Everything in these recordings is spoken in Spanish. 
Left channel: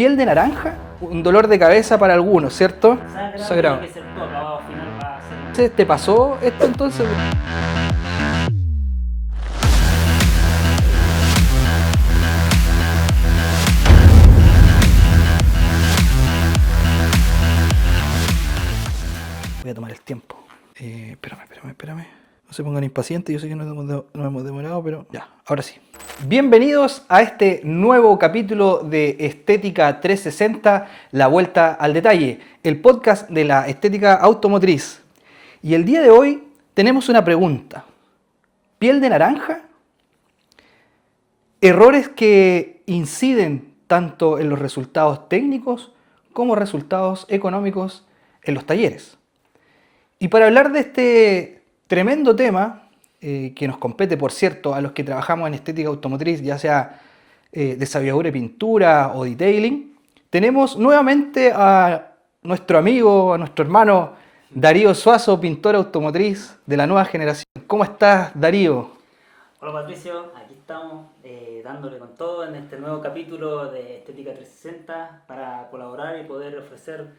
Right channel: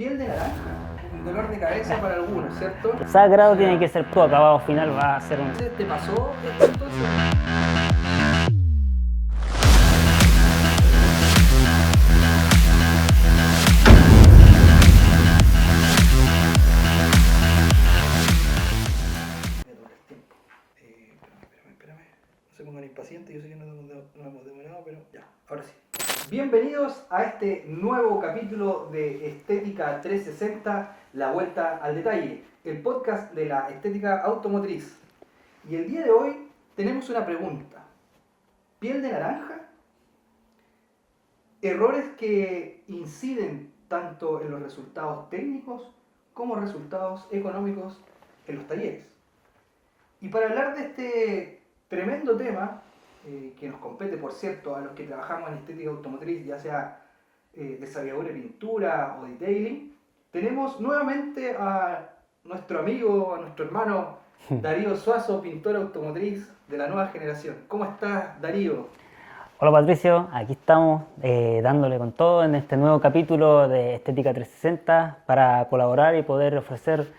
piel de naranja, un dolor de cabeza para algunos, ¿cierto? Sagrado tiene que ser tu acabado final, va a ser un... ¿Te pasó esto entonces? Voy a tomar el tiempo. Espérame. No se pongan impacientes, yo sé que nos hemos demorado, pero ya, ahora sí. Bienvenidos a este nuevo capítulo de Estética 360, la vuelta al detalle, el podcast de la estética automotriz. Y el día de hoy tenemos una pregunta. ¿Piel de naranja? Errores que inciden tanto en los resultados técnicos como resultados económicos en los talleres. Y para hablar de este tremendo tema, que nos compete, por cierto, a los que trabajamos en estética automotriz, ya sea desarrolladura de pintura o detailing, tenemos nuevamente a nuestro amigo, a nuestro hermano Darío Suazo, pintor automotriz de la nueva generación. ¿Cómo estás, Darío? Hola Patricio, aquí estamos dándole con todo en este nuevo capítulo de Estética 360 para colaborar y poder ofrecer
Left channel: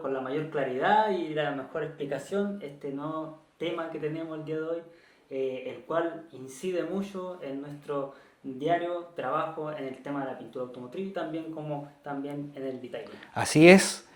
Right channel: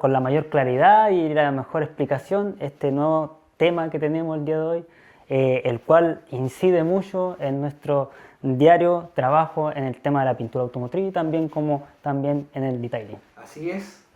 con la mayor claridad y la mejor explicación este nuevo tema que tenemos el día de hoy, el cual incide mucho en nuestro diario trabajo en el tema de la pintura automotriz y también en el detailing. Así es,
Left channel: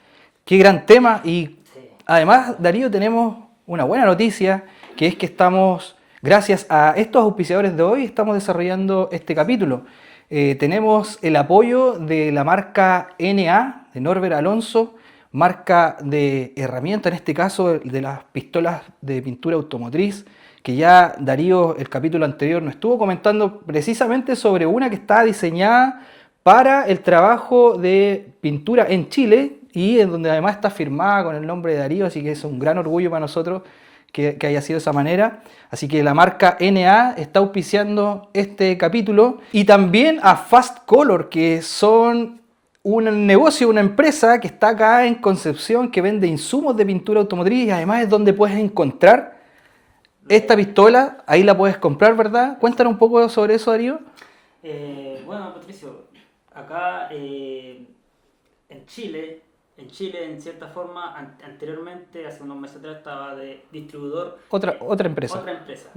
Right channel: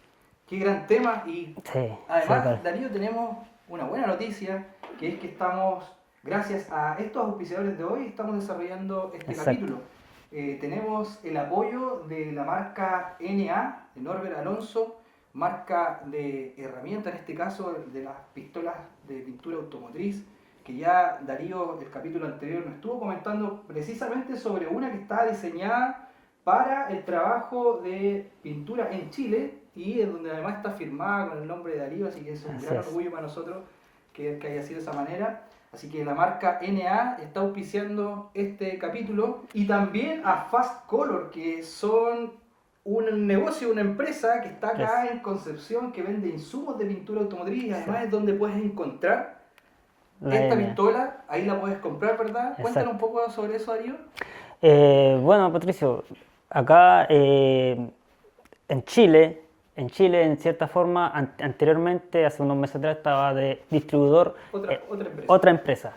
qué gran tema y sí, además, claro. Darío, tenemos una buena noticia, que es que estamos, gracias a estos auspiciadores de hoy, estamos desarrollando este capítulo. Tenemos el apoyo de la marca NA, de Norbert Alonso, marca de herramienta, en este caso de las pistolas de pintura automotriz, que ya Darío, el capítulo anterior, nos estuvo comentando precisamente sobre una que está diseñada para el trabajo de pintura en Chile y en donde además está firmada con el nombre de Darío, así que es un gran orgullo para nosotros que haya sido de esa manera. Así que la marca NA está auspiciando este capítulo y también a Fast Color, que son un negocio, una empresa que está acá en Concepción, que vende insumos de pintura automotriz y además es donde puedes encontrar esta pistola. Ahí la puedes comprar, ¿verdad? Exacto. Cuéntanos un poco sobre eso, Darío. Bueno, Patricio, acá en Chile, en cierta forma, anteriormente, hace unos meses atrás, estaba de distribuidor. Otra empresa. Otra empresa.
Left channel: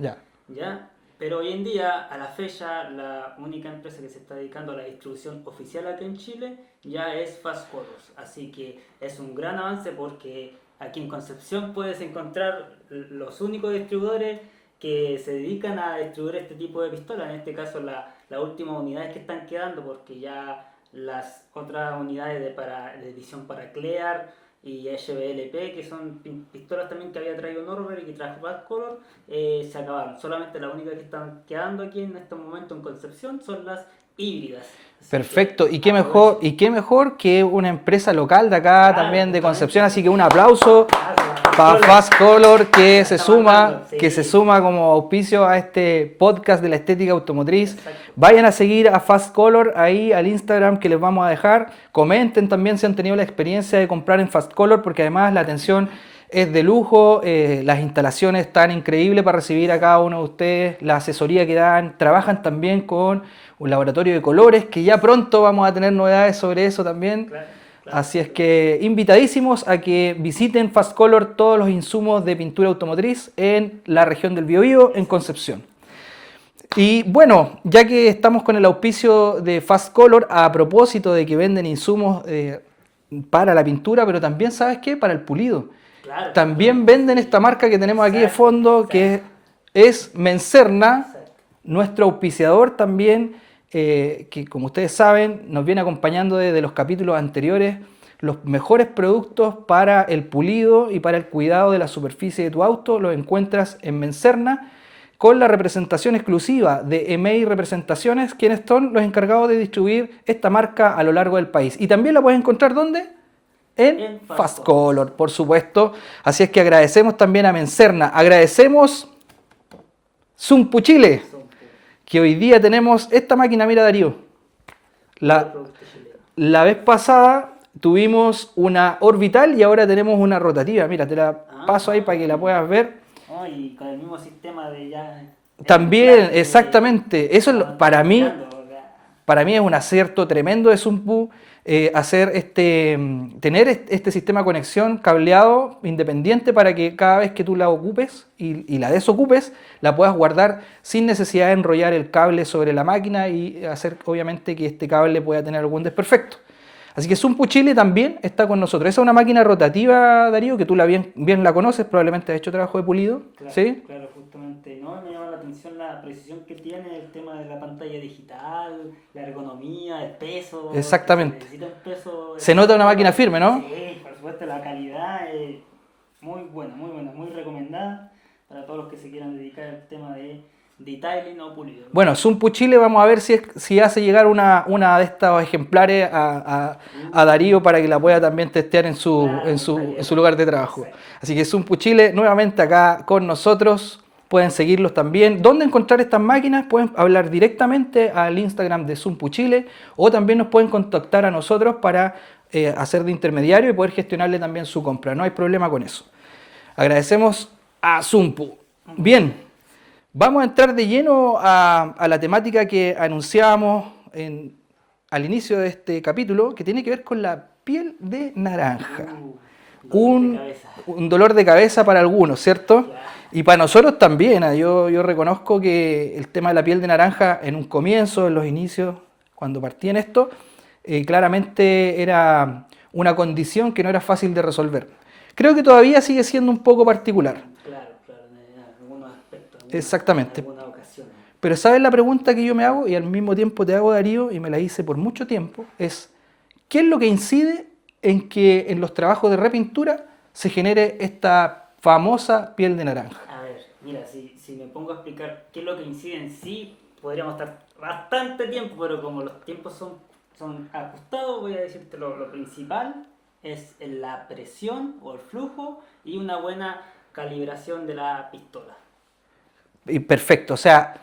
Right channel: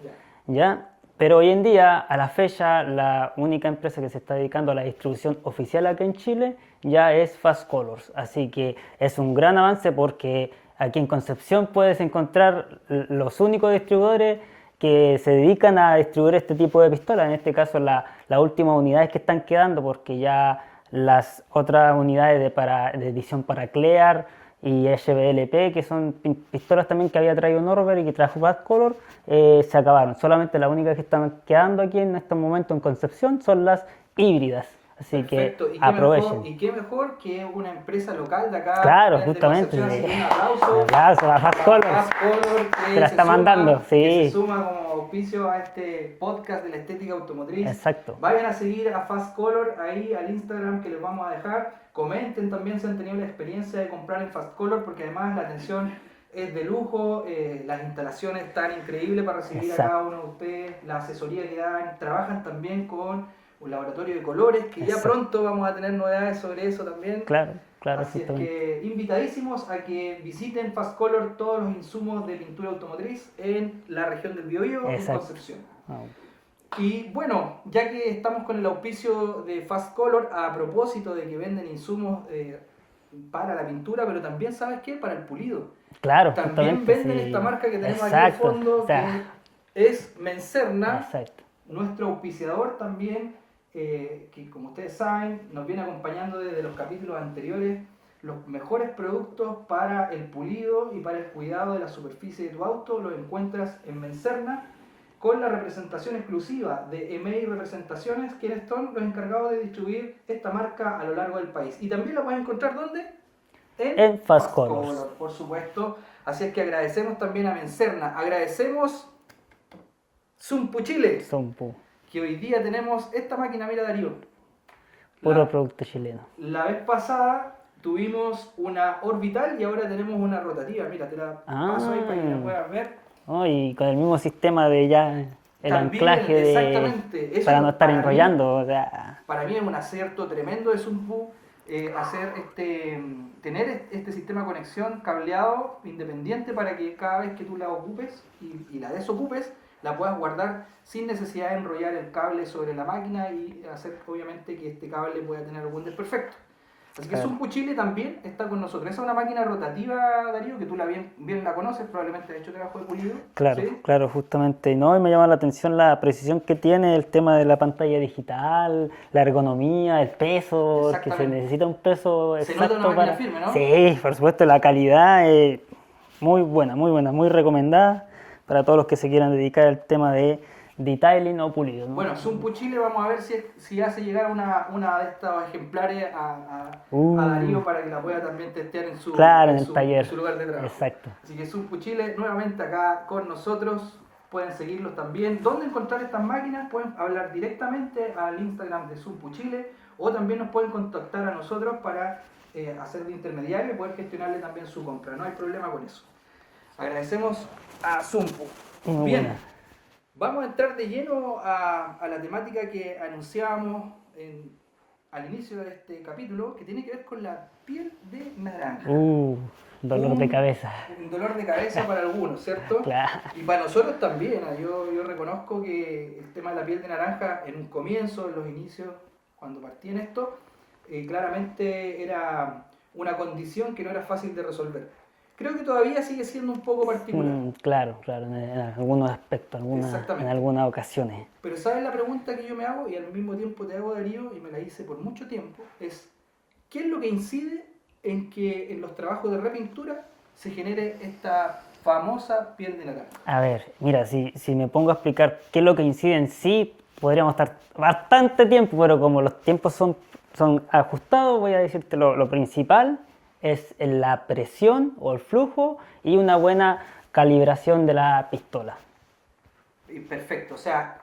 ¿Ya? Pero hoy en día, a la fecha, la única empresa que se está dedicando a la distribución oficial acá en Chile ya es Fast Colors. Así que es un gran avance porque aquí en Concepción puedes encontrar los únicos distribuidores que se dedican a distribuir este tipo de pistolas. En este caso, las últimas unidades que están quedando, porque ya las otras unidades de edición para Clear y HBLP, que son pistolas también que había traído Norbert y que trajo Fast Color, se acabaron. Solamente las únicas que están quedando aquí en este momento en Concepción son las híbridas. Así perfecto, y qué mejor que una empresa local de acá, claro, también de Concepción, así que un aplauso para Fast Color que se suma como auspicio a este podcast de la estética automotriz. Exacto. Vayan a seguir a Fast Color ahí al Instagram que les vamos a dejar. Comenten también si han tenido la experiencia de comprar en Fast Color, porque además la atención es de lujo, las instalaciones están increíbles para recibir a cada uno de ustedes, la asesoría que dan, trabajan también con un laboratorio de colores, que ya pronto vamos a tener novedades sobre eso también. Claro, así es que invitadísimos a que visiten Fast Color todos los insumos de pintura automotriz en la región del Biobío, en Concepción. Y bueno, ya que estamos con el auspicio de Fast Color, a propósito de que venden insumos para la pintura, pero también, ¿sabes qué? Para el pulido. Claro, también venden esta marca que tenemos aquí de fondo, que es Mencerna, nuestro auspiciador también, que como ustedes saben, nos viene acompañando desde los capítulos anteriores, los mejores productos para el pulido y para el cuidado de la superficie de tu auto, los encuentras en Mencerna, con la representación exclusiva de EMEI Representaciones, quienes son los encargados de distribuir esta marca a lo largo del país. Y también la puedes encontrar, ¿dónde? En Fast Color, por supuesto. Así es que agradecemos también a Mencerna. Agradecemos Zumpu Chile, que hoy día tenemos esta máquina, mira Darío. Producto chileno. La vez pasada tuvimos una orbital y ahora tenemos una rotativa. Mira, te la paso ahí para que la puedas ver. Y con el mismo sistema de ya... También, exactamente. Eso para mí es un acierto tremendo de Zumpu. tener este sistema de conexión cableado independiente para que cada vez que tú la ocupes y la desocupes, la puedas guardar sin necesidad de enrollar el cable sobre la máquina y hacer obviamente que este cable pueda tener algún desperfecto. Así que Zumpu Chile también está con nosotros. Esa es una máquina rotativa, Darío, que tú bien la conoces, probablemente has hecho trabajo de pulido. Claro, ¿Sí? claro, justamente. No, y me llama la atención la precisión que tiene el tema de la pantalla digital, la ergonomía, el peso. Exactamente. Que se necesita un peso. Se nota una exacto máquina firme, ¿no? Sí, por supuesto, la calidad es muy buena, muy recomendada para todos los que se quieran dedicar al tema de detailing o pulido, ¿no? Bueno, Zumpu Chile, vamos a ver si hace llegar una de estos ejemplares a Darío para que la pueda también testear en su, Claro, en en el taller. su lugar de trabajo. Exacto. Así que Zumpu Chile, nuevamente acá con nosotros. Pueden seguirlos también. ¿Dónde encontrar estas máquinas? Pueden hablar directamente al Instagram de Zumpu Chile o también nos pueden contactar a nosotros para hacer de intermediario y poder gestionarle también su compra. No hay problema con eso. Agradecemos a Zumpu. Bien. Vamos a entrar de lleno a la temática que anunciábamos al inicio de este capítulo, que tiene que ver con la piel de naranja. Dolor de cabeza. Un dolor de cabeza para algunos, ¿cierto? Claro. Y para nosotros también. Yo reconozco que el tema de la piel de naranja en un comienzo, en los inicios, cuando partí en esto, claramente era una condición que no era fácil de resolver. Creo que todavía sigue siendo un poco particular. Claro, en algunos aspectos, Exactamente. en algunas ocasiones. Pero ¿sabes la pregunta que yo me hago y al mismo tiempo te hago, Darío, y me la hice por mucho tiempo? Es, ¿qué es lo que incide en que en los trabajos de repintura se genere esta famosa piel de naranja? A ver, mira, si me pongo a explicar qué es lo que incide en sí, podríamos estar bastante tiempo, pero como los tiempos son ajustados, voy a decirte lo principal es la presión o el flujo y una buena calibración de la pistola. Y perfecto, o sea,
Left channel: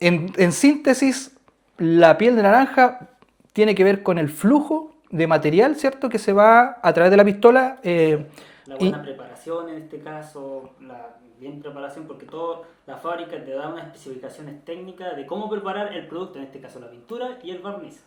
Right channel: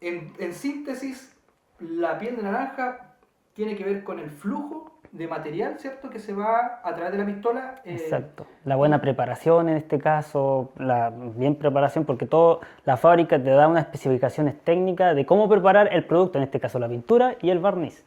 en síntesis, la piel de naranja tiene que ver con el flujo de material, ¿cierto? Que se va a través de la pistola. Exacto. La buena preparación en este caso, la bien preparación, porque la fábrica te da unas especificaciones técnicas de cómo preparar el producto, en este caso la pintura y el barniz.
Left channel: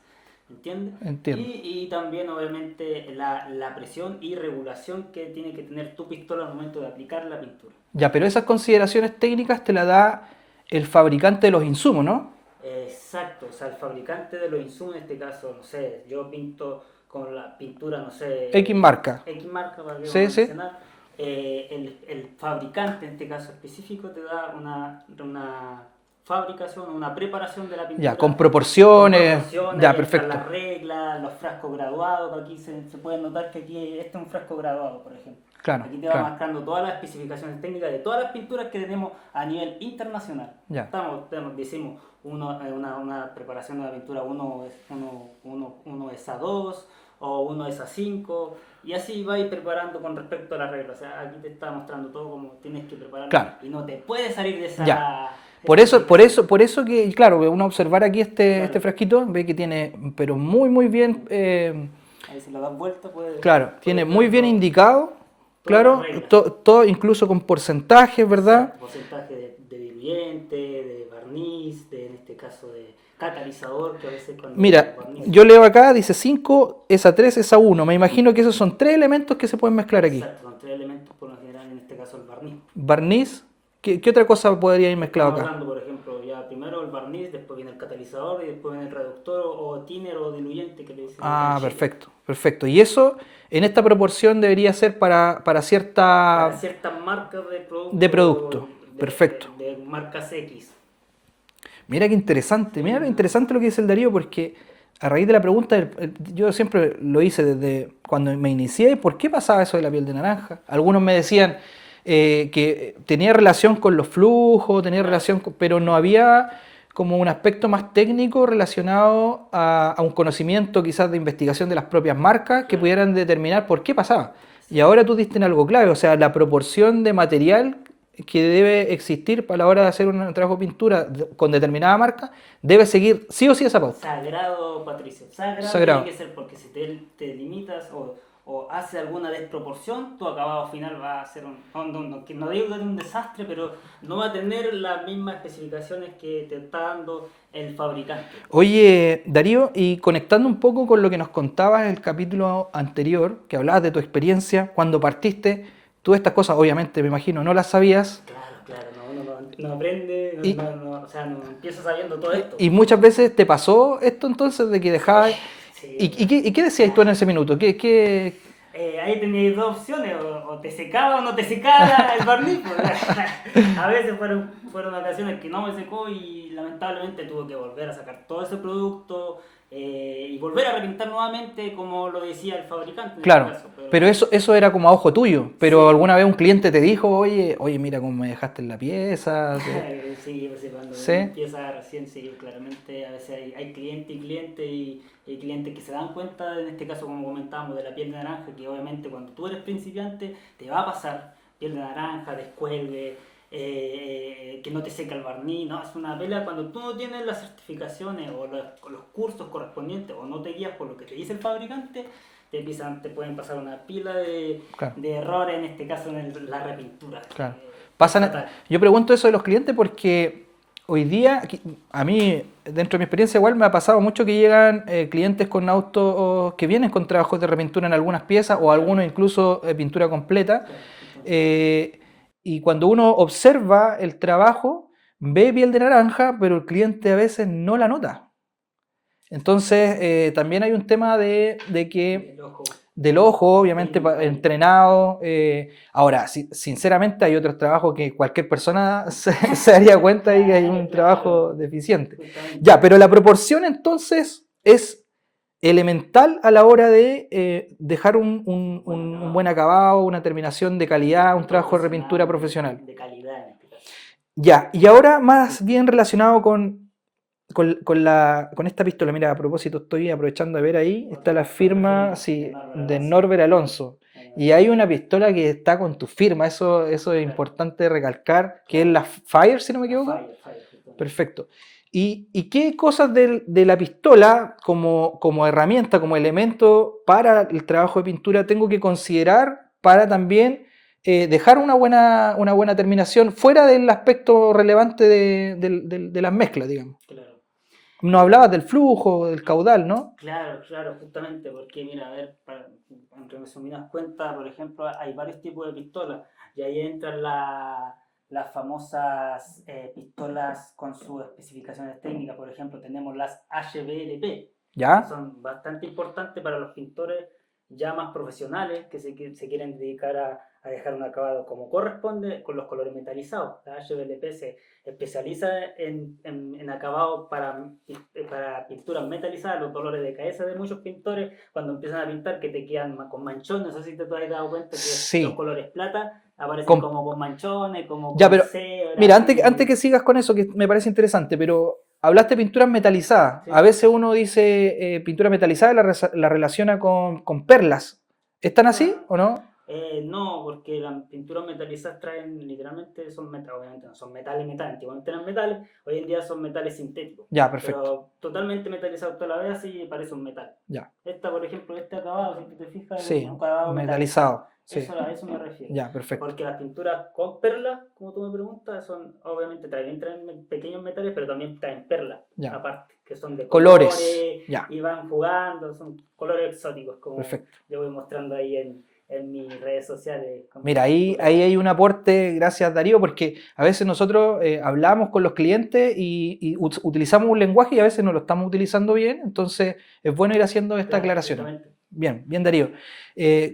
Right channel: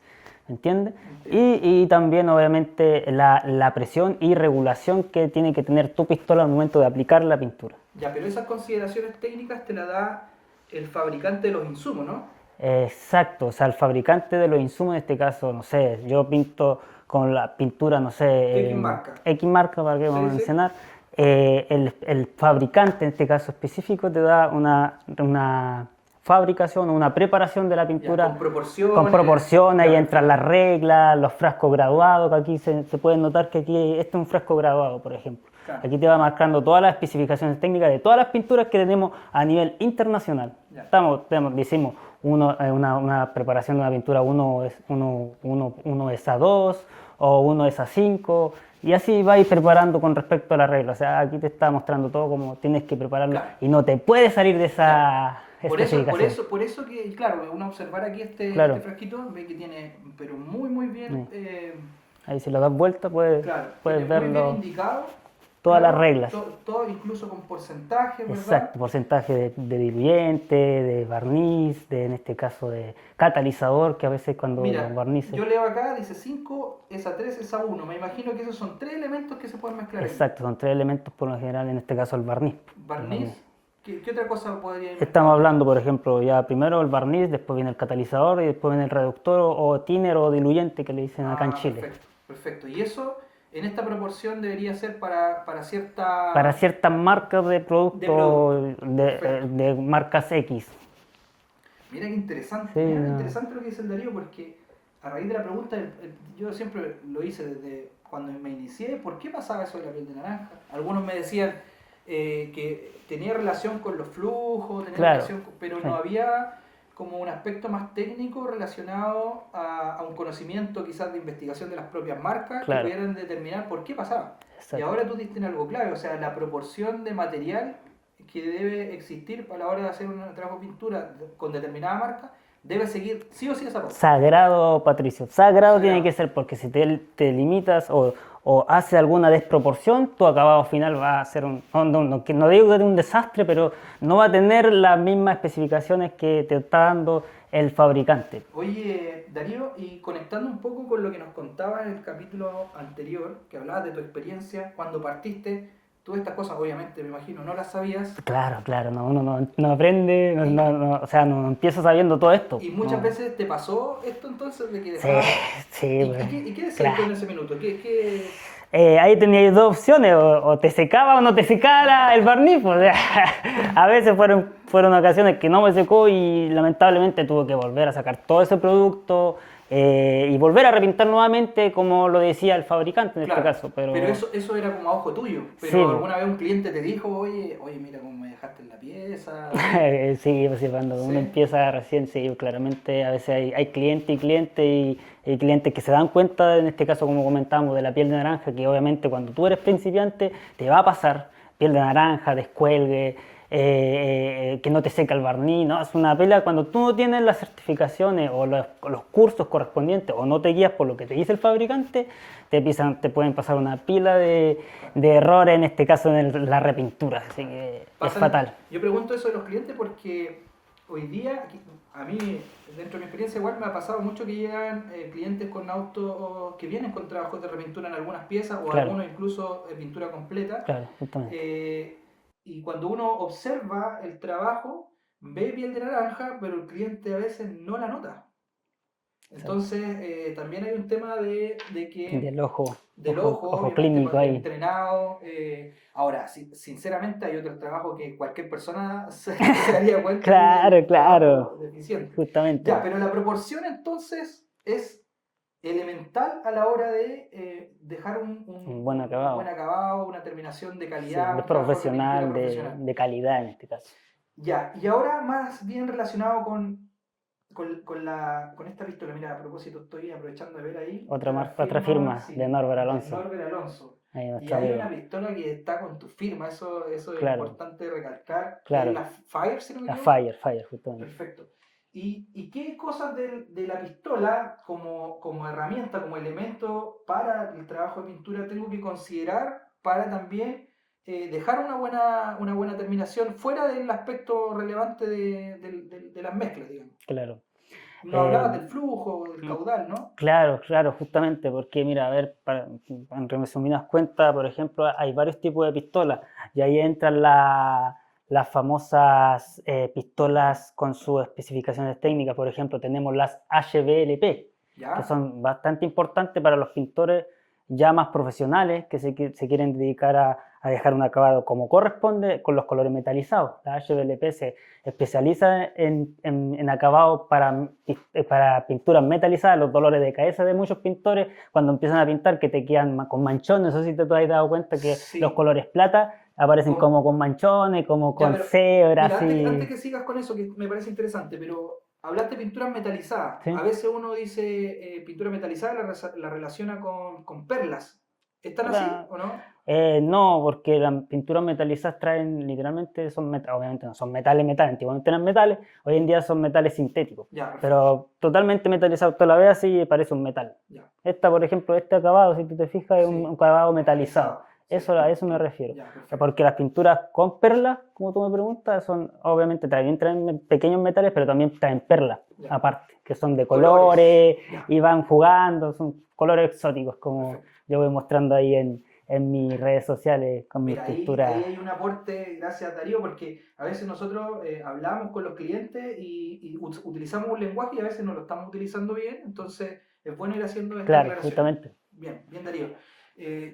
¿Entiendes? Entiendo. Y también obviamente la presión y regulación que tiene que tener tu pistola al momento de aplicar la pintura. Ya, pero esas consideraciones técnicas te las da el fabricante de los insumos, ¿no? Exacto, o sea, el fabricante de los insumos, en este caso, no sé, yo pinto con la pintura, no sé... X marca. X marca, para que Sí, vamos a sí. mencionar. El fabricante, en este caso específico, te da una fabricación, una preparación de la pintura. Ya, con proporciones. Con proporciones, Ya, ahí entran perfecto. las reglas, los frascos graduados, que aquí se pueden notar que aquí este es un frasco graduado, por ejemplo. Claro, Aquí te va claro. marcando todas las especificaciones técnicas de todas las pinturas que tenemos a nivel internacional. Ya. Hicimos una preparación de una pintura, uno es A2 o uno es A5, y así vais preparando con respecto a la regla. O sea, aquí te está mostrando todo como tienes que prepararlo, Claro. y no te puedes salir de esa... Ya. Por eso que, claro, uno observar aquí Claro. este frasquito, ve que tiene, pero muy bien, Ahí si lo das vuelta, puedes... claro, puedes tiene muy bien verlo. indicado, Todas claro, las reglas. todo incluso con porcentajes, ¿verdad? Exacto, porcentaje de diluyente, de barniz, en este caso de catalizador, que a veces cuando Mira, barniz... yo leo acá, dice 5, esa 3, esa 1. Me imagino que esos son 3 elementos que se pueden mezclar aquí. Exacto, son 3 elementos por lo general, en este caso el barniz. Barniz, ¿qué otra cosa podría ir mezclado Estamos acá? hablando, por ejemplo, ya primero el barniz, después viene el catalizador y después viene el reductor o thinner o diluyente que le dicen acá en Ah, Chile. perfecto. Y eso en esta proporción debería ser para cierta... Para ciertas marcas de productos. De producto, perfecto. De marcas X. Mira qué interesante, Sí, mira qué interesante lo que dice el Darío, porque a raíz de la pregunta, yo siempre lo hice desde cuando me inicié, ¿por qué pasaba eso de la piel de naranja? Algunos me decían que tenía relación con los flujos, tenía Claro, relación pero no había como un aspecto más técnico relacionado a un conocimiento quizás de investigación de las propias marcas que Claro. pudieran determinar por qué pasaba. Y ahora tú diste en algo clave, o sea, la proporción de material que debe existir para la hora de hacer un trabajo de pintura con determinada marca, debe seguir sí o sí esa pauta. Sagrado, Patricio. Sagrado Sagrado. tiene que ser, porque si te limitas o haces alguna desproporción, tu acabado final va a ser no digo que es un desastre, pero no va a tener las mismas especificaciones que te está dando el fabricante. Oye, Darío, y conectando un poco con lo que nos contabas en el capítulo anterior, que hablabas de tu experiencia, cuando partiste, tú estas cosas, obviamente, me imagino, no las sabías, Claro, claro, no, uno no aprende, y, o sea, no empieza sabiendo todo esto. y muchas veces te pasó esto entonces de que Sí, dejabas... sí, ¿Y qué decías tú en claro. ese minuto? Ahí teníais dos opciones, o te secaba o no te secaba el barniz. Pues, o sea, a veces fueron ocasiones que no me secó y lamentablemente tuve que volver a sacar todo ese producto y volver a repintar nuevamente como lo decía el fabricante en este Claro, caso. pero Pero eso era como a ojo tuyo, pero sí, alguna vez un cliente te dijo, oye, mira cómo me dejaste en la pieza, sí, pues, cuando uno ¿sí? empieza recién, sí, claramente a veces hay cliente y cliente y hay clientes que se dan cuenta, en este caso como comentábamos, de la piel de naranja, que obviamente cuando tú eres principiante te va a pasar piel de naranja, descuelgue, que no te seca el barniz, ¿no? Es una pela cuando tú no tienes las certificaciones o los cursos correspondientes o no te guías por lo que te dice el fabricante, te pueden pasar una pila Claro. de errores, en este caso en la repintura. Así Claro. que es Pasan, fatal. yo pregunto eso de los clientes porque hoy día, a mí, dentro de mi experiencia igual me ha pasado mucho que llegan clientes con autos que vienen con trabajos de repintura en algunas piezas o Claro, algunos incluso pintura completa. claro, justamente. Y cuando uno observa el trabajo, ve piel de naranja, pero el cliente a veces no la nota. Exacto. Entonces, también hay un tema de que Del ojo, del ojo, ojo obviamente clínico ahí. entrenado. Ahora, sinceramente hay otros trabajos que cualquier persona se daría cuenta de que hay Claro, un trabajo claro, deficiente. justamente. Ya, pero la proporción entonces es elemental a la hora de dejar Un buen un buen acabado. acabado, una terminación de Sí, calidad, de un trabajo de repintura profesional, profesional. de calidad en este caso. Ya, y ahora más bien relacionado con esta pistola. Mira, a propósito, estoy aprovechando de ver ahí, está la Otra firma, firma de sí, Norbert de Alonso. Norbert Alonso. Ahí Y nuestro hay una amigo. pistola que está con tu firma, eso es Claro, importante recalcar, que es claro. la Fire, si no me La equivoco. Fire, justamente. Perfecto. ¿Y qué cosas de la pistola como herramienta, como elemento para el trabajo de pintura tengo que considerar para también dejar una buena terminación fuera del aspecto relevante de las mezclas, digamos? Claro. No hablabas Eh, del flujo, del caudal, ¿no? Claro, claro, justamente, porque mira, a ver, en resumidas cuentas, por ejemplo, hay varios tipos de pistolas y ahí entran las famosas pistolas con sus especificaciones técnicas. Por ejemplo, tenemos las HBLP, que ¿Ya? son bastante importantes para los pintores ya más profesionales que se quieren dedicar a dejar un acabado como corresponde con los colores metalizados. La HBLP se especializa en acabados para pinturas metalizadas, los dolores de cabeza de muchos pintores cuando empiezan a pintar que te quedan con manchones. No sé si te has dado cuenta que los Sí. colores plata aparecen Com- como con manchones, como ya, con pero cebra, mira, antes así. que sigas con eso, que me parece interesante, pero hablaste de pinturas metalizadas. A ¿Sí? veces uno dice pintura metalizada y la relaciona con perlas. ¿Están así La- o no? no, porque las pinturas metalizadas traen literalmente, obviamente no son metales, antiguamente eran metales, hoy en día son metales sintéticos, Ya, perfecto. pero totalmente metalizado, tú la ves así y parece un metal. Ya. Esta, por ejemplo, este acabado, si tú te fijas, es un Sí, acabado metalizado. metalizado. Sí. A eso me refiero. Ya, perfecto. Porque las pinturas con perlas, como tú me preguntas, son, obviamente también traen pequeños metales, pero también traen perlas, Ya. aparte, que son de Colores. colores Ya, y van jugando, son colores exóticos, como perfecto. yo voy mostrando ahí en mis redes sociales con mis Mira, ahí pinturas. hay un aporte, gracias Darío, porque a veces nosotros hablamos con los clientes y utilizamos un lenguaje y a veces no lo estamos utilizando bien, entonces es bueno ir haciendo esta Claro, aclaración. justamente. Bien, bien Darío.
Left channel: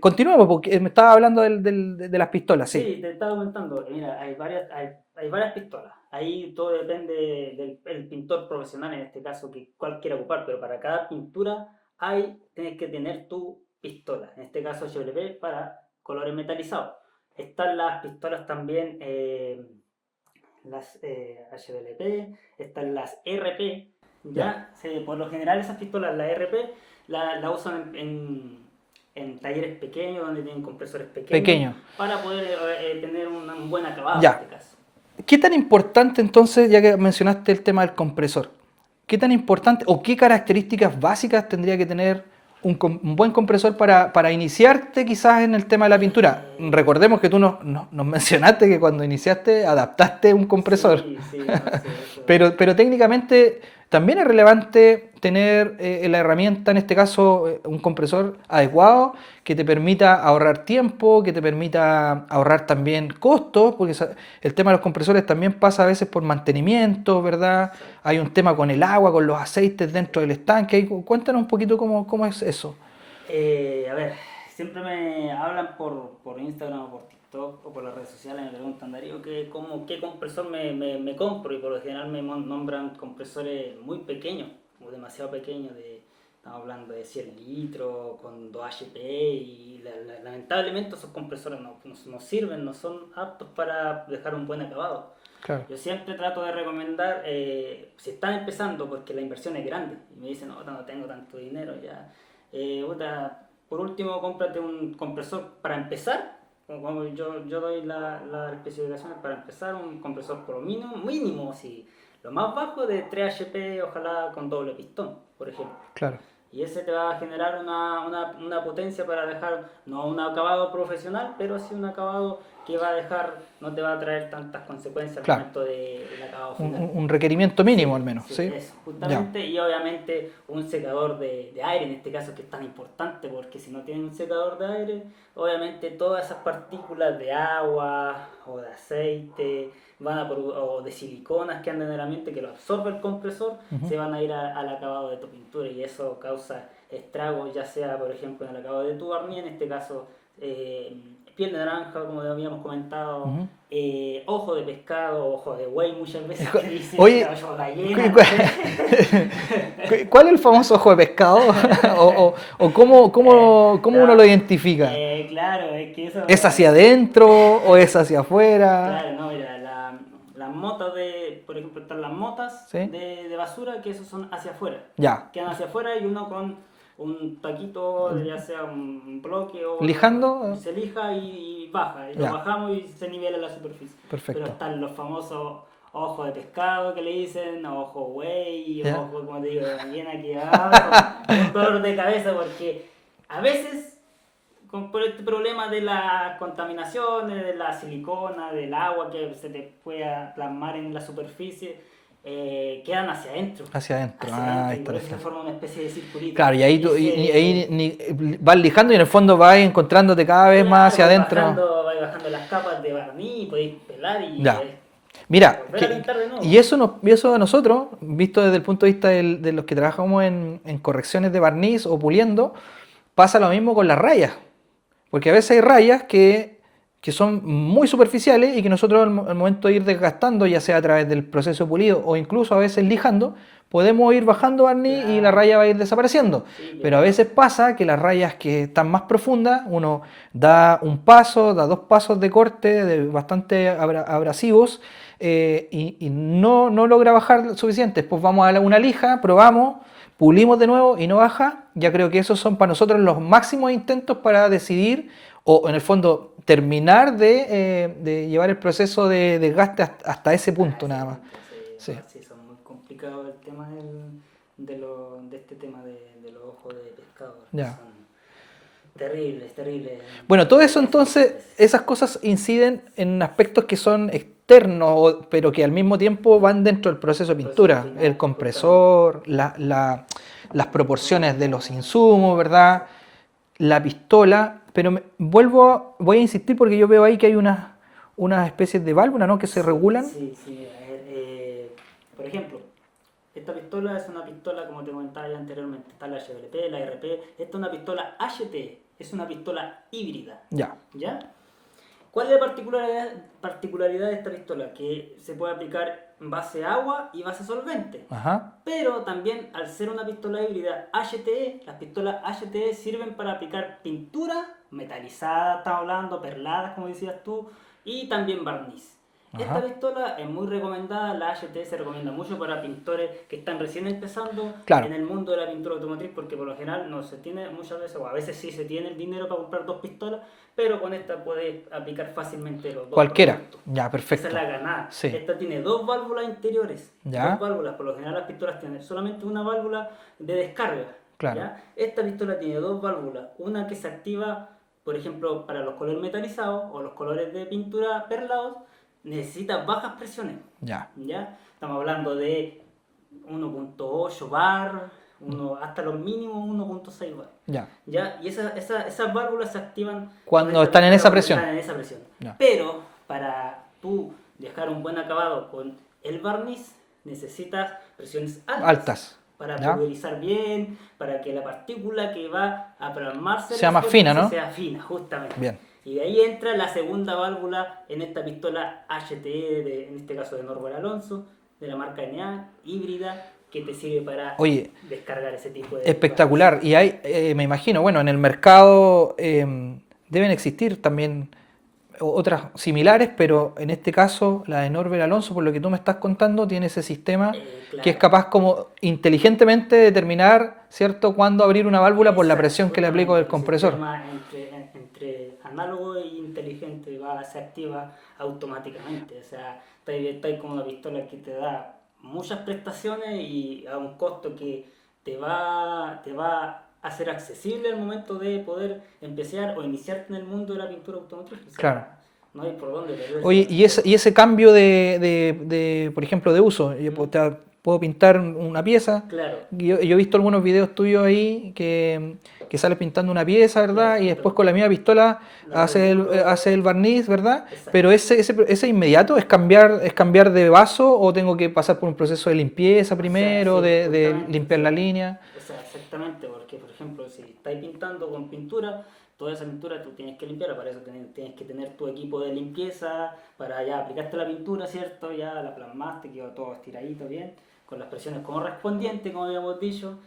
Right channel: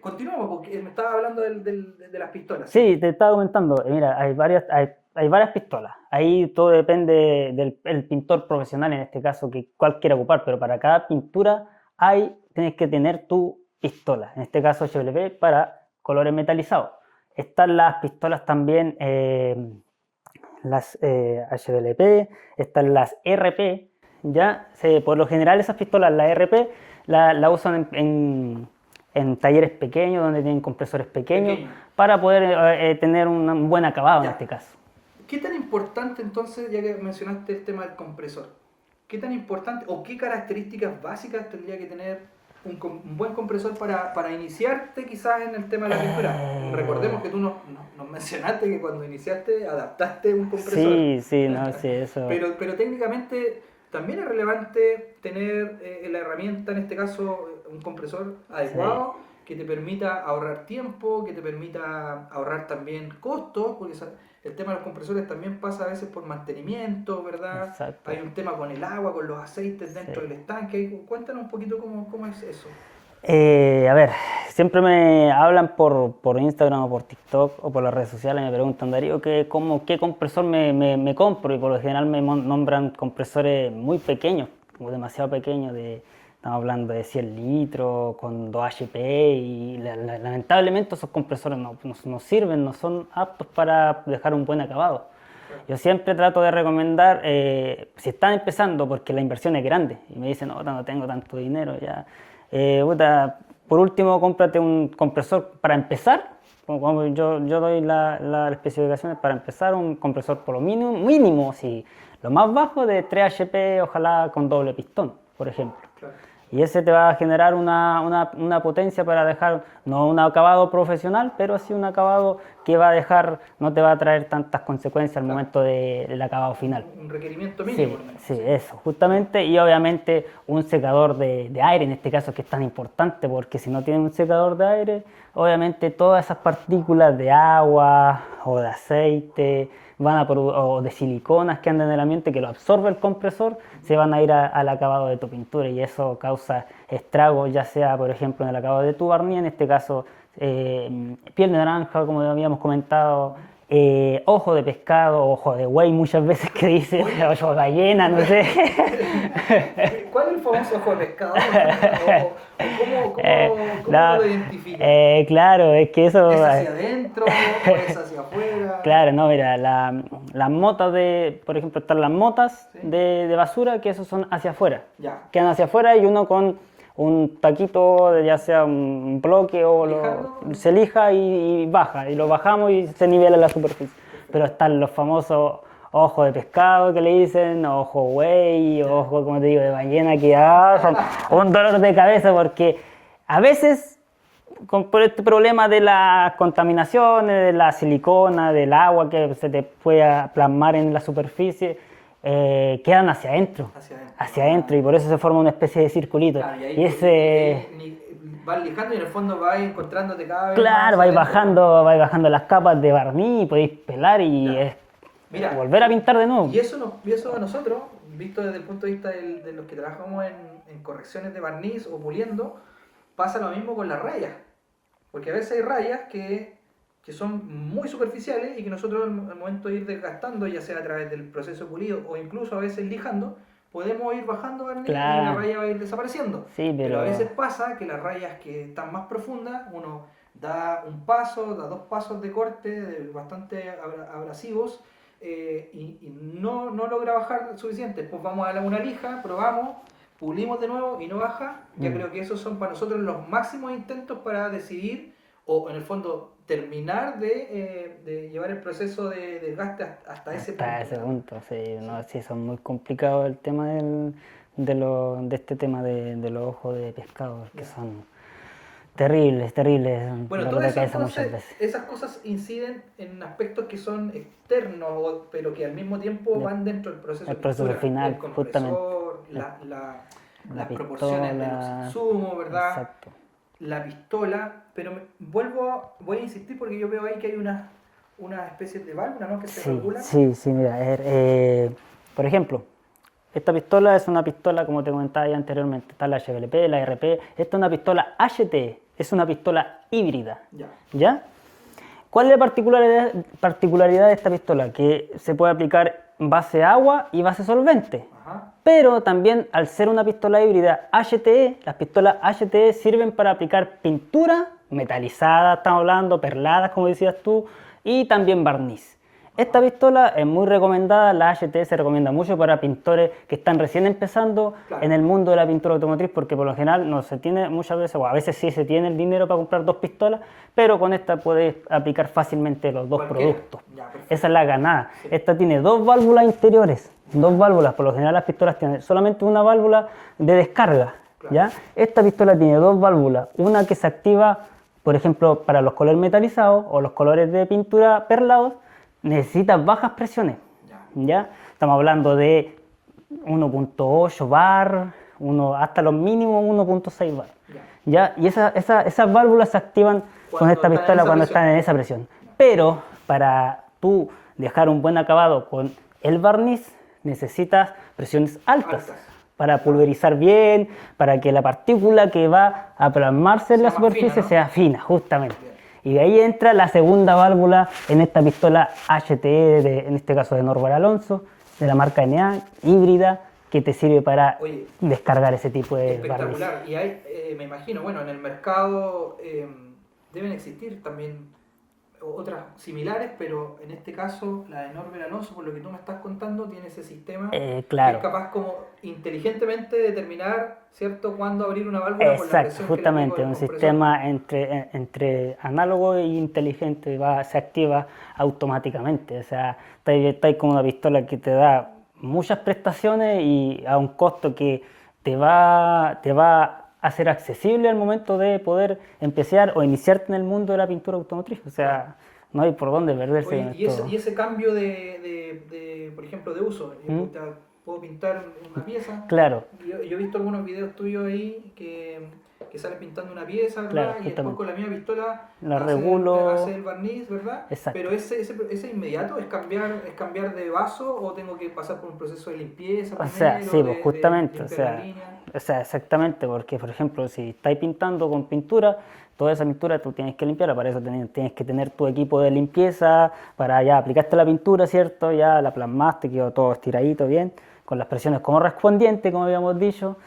Continuemos, porque me estaba hablando de las pistolas, sí. Sí, te estaba comentando, mira, hay varias pistolas. Ahí todo depende del pintor profesional, en este caso, que cuál quiera ocupar, pero para cada pintura tienes que tener tu pistola. En este caso, HWP para colores metalizados. Están las pistolas también, las HWP, están las RP. Ya. Por lo general, esas pistolas, la RP, la usan en talleres pequeños, donde tienen compresores pequeños, Pequeño. para poder tener un buen acabado en Ya. este caso. ¿Qué tan importante entonces, ya que mencionaste el tema del compresor, qué tan importante o qué características básicas tendría que tener un buen compresor para iniciarte quizás en el tema de la pintura? Recordemos que tú nos mencionaste que cuando iniciaste adaptaste un compresor, Sí, sí, no, sí, eso. pero técnicamente también es relevante tener la herramienta, en este caso un compresor adecuado que te permita ahorrar tiempo, que te permita ahorrar también costos, porque el tema de los compresores también pasa a veces por mantenimiento, ¿verdad? Exacto. Hay un tema con el agua, con los aceites dentro del estanque. Cuéntanos un poquito cómo es eso. A ver, siempre me hablan por Instagram o por TikTok o por las redes sociales, me preguntan, Darío, ¿qué compresor me compro? Y por lo general me nombran compresores muy pequeños, como demasiado pequeños, estamos hablando de 100 litros, con 2 HP, y lamentablemente esos compresores no sirven, no son aptos para dejar un buen acabado. Claro. Yo siempre trato de recomendar, si están empezando, porque la inversión es grande, y me dicen, no tengo tanto dinero, ya. Por último, cómprate un compresor para empezar. Como yo doy las especificaciones para empezar, un compresor por lo mínimo, sí, lo más bajo de 3 HP, ojalá con doble pistón, por ejemplo. Claro. Y ese te va a generar una potencia para dejar, no un acabado profesional, pero sí un acabado que va a dejar, no te va a traer tantas consecuencias al momento del acabado final. Un requerimiento mínimo al menos. Sí, eso, justamente. Y obviamente un secador de aire, en este caso, que es tan importante, porque si no tienes un secador de aire, obviamente todas esas partículas de agua o de aceite, o de siliconas que andan en el ambiente, que lo absorbe el compresor, se van a ir al acabado de tu pintura, y eso causa estragos, ya sea por ejemplo en el acabado de tu barniz, en este caso piel de naranja, como habíamos comentado, ojo de pescado, ojo de buey muchas veces que dice, ojo de ballena, no sé. ¿Cuál es el famoso ojo de pescado? ¿O cómo uno lo identifica? Claro, es que eso... ¿Es hacia adentro o es hacia afuera? Claro, no, mira, las motas por ejemplo, están las motas de basura, que esos son hacia afuera. Ya. Quedan hacia afuera, y uno con un taquito, ya sea un bloque o... ¿Lijando? Se lija y baja, y lo bajamos y se nivela la superficie. Perfecto. Pero están los famosos ojos de pescado que le dicen, ojo güey, ojo, como te digo, de ballena, que un dolor de cabeza, porque a veces, por este problema de las contaminaciones, de la silicona, del agua que se te puede plasmar en la superficie, quedan hacia adentro. Hacia adentro. Hacia adentro, y por eso se forma una especie de circulito. Claro, y ahí vas lijando y en el fondo vas encontrándote cada vez más hacia adentro. Vais bajando las capas de barniz y podéis pelar y volver a pintar de nuevo. Y eso a nosotros, visto desde el punto de vista de los que trabajamos en correcciones de barniz o puliendo, pasa lo mismo con las rayas. Porque a veces hay rayas que son muy superficiales y que nosotros al momento de ir desgastando, ya sea a través del proceso pulido o incluso a veces lijando, podemos ir bajando barniz y la raya va a ir desapareciendo. Sí, pero a veces pasa que las rayas que están más profundas, uno da un paso, da 2 pasos de corte bastante abrasivos y no logra bajar suficiente. Pues vamos a una lija, probamos, pulimos de nuevo y no baja. Ya creo que esos son para nosotros los máximos intentos para decidir, o en el fondo terminar de llevar el proceso de desgaste hasta ese punto nada más. Sí, son muy complicados el tema de este tema de los ojos de pescado, que son terribles. Bueno, todo eso entonces, esas cosas inciden en aspectos que son externos, pero que al mismo tiempo van dentro del proceso de pintura. Final, el compresor, las proporciones de los insumos, ¿verdad? Exacto. La pistola, pero voy a insistir porque yo veo ahí que hay unas especies de válvulas, ¿no?, que se regulan. Sí, mira, por ejemplo, esta pistola es una pistola, como te comentaba ya anteriormente, está la HVLP, la RP, esta es una pistola HT, es una pistola híbrida. ¿Ya? ¿Cuál es la particularidad de esta pistola? Que se puede aplicar base agua y base solvente. Pero también, al ser una pistola híbrida HTE, las pistolas HTE sirven para aplicar pintura metalizada, estamos hablando, perladas, como decías tú, y también barniz. Esta pistola es muy recomendada, la HT se recomienda mucho para pintores que están recién empezando en el mundo de la pintura automotriz, porque por lo general no se tiene muchas veces, o a veces sí se tiene el dinero para comprar 2 pistolas, pero con esta puedes aplicar fácilmente los 2 productos. Ya, perfecto. Esa es la ganada. Sí. Esta tiene 2 válvulas interiores, 2 válvulas, por lo general las pistolas tienen solamente una válvula de descarga. ¿Ya? Esta pistola tiene 2 válvulas, una que se activa, por ejemplo, para los colores metalizados o los colores de pintura perlados, necesitas bajas presiones. ¿Ya? Estamos hablando de 1.8 bar, hasta los mínimos 1.6 bar. Ya. ¿Ya? Y esas válvulas se activan Cuando con esta están en pistola esa cuando presión. están en esa presión. Ya. Pero para tú dejar un buen acabado con el barniz, necesitas presiones Altas. para Ya. pulverizar bien, para que la partícula que va a plasmarse en Sea la más superficie fina, ¿no? sea fina, justamente. Bien. Y de ahí entra la segunda válvula en esta pistola HTE, en este caso de Norbert Alonso, de la marca NA, híbrida, que te sirve para Oye, descargar ese tipo de espectacular. Y hay, me imagino, bueno, en el mercado deben existir también otras similares, pero en este caso la de Norbert Alonso, por lo que tú me estás contando, tiene ese sistema claro. que es capaz como inteligentemente determinar, ¿cierto?, cuándo abrir una válvula por la Exacto, presión que le aplico del justamente, compresor. un sistema entre análogo e inteligente se activa automáticamente. O sea, está ahí como una pistola que te da muchas prestaciones y a un costo que te va a ser accesible al momento de poder empezar o iniciarte en el mundo de la pintura automotriz. O sea, Claro. no hay por dónde perderse. Oye, con y esto. ese cambio por ejemplo, de uso, puedo pintar una pieza. Claro. Yo he visto algunos videos tuyos ahí que sales pintando una pieza, ¿verdad? Claro, Y después justamente. con la misma pistola La hace regulo. el barniz, ¿verdad? Exacto. Pero ese inmediato es cambiar de vaso o tengo que pasar por un proceso de limpieza primero, sí, pues, de justamente, limpiar la línea. O sea, exactamente, porque por ejemplo, si estáis pintando con pintura, toda esa pintura tú tienes que limpiarla, para eso tienes que tener tu equipo de limpieza, para ya aplicaste la pintura, ¿cierto? Ya la plasmaste, quedó todo estiradito bien, con las presiones correspondientes, como habíamos dicho,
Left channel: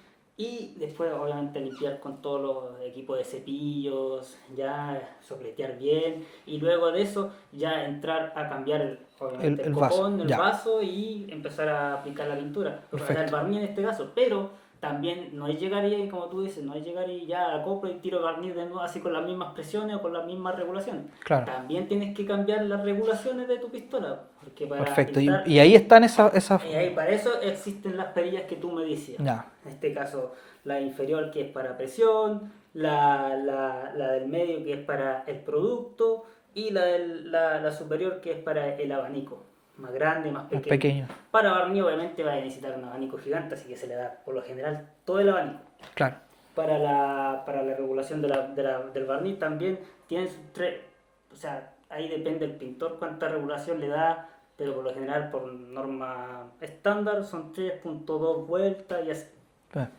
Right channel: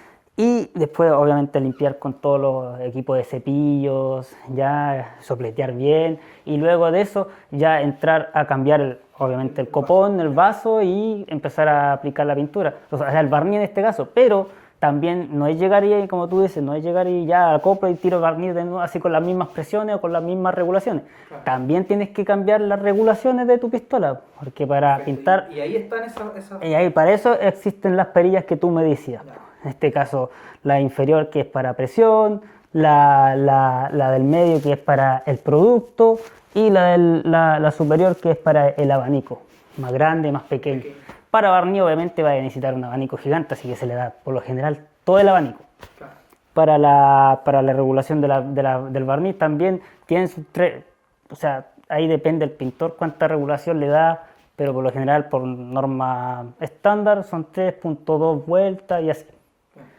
y después obviamente limpiar con todos los equipos de cepillos, ya sopletear bien, y luego de eso ya entrar a cambiar obviamente el copón, vaso, el ya. vaso y empezar a aplicar la pintura, o sea, el barniz en este caso, pero también no es llegar y, como tú dices, no es llegar y ya acoplo y tiro barniz de nuevo así con las mismas presiones o con las mismas regulaciones. Claro. También tienes que cambiar las regulaciones de tu pistola, porque para Perfecto. pintar... Y ahí están esas... Y ahí para eso existen las perillas que tú me decías. Ya. En este caso, la inferior que es para presión, la del medio que es para el producto y la superior que es para el abanico. Más grande, más pequeño. Para barniz obviamente va a necesitar un abanico gigante, así que se le da por lo general todo el abanico. Claro. Para la regulación del barniz también tienen sus tres, o sea, ahí depende el pintor cuánta regulación le da, pero por lo general por norma estándar son 3.2 vueltas y así.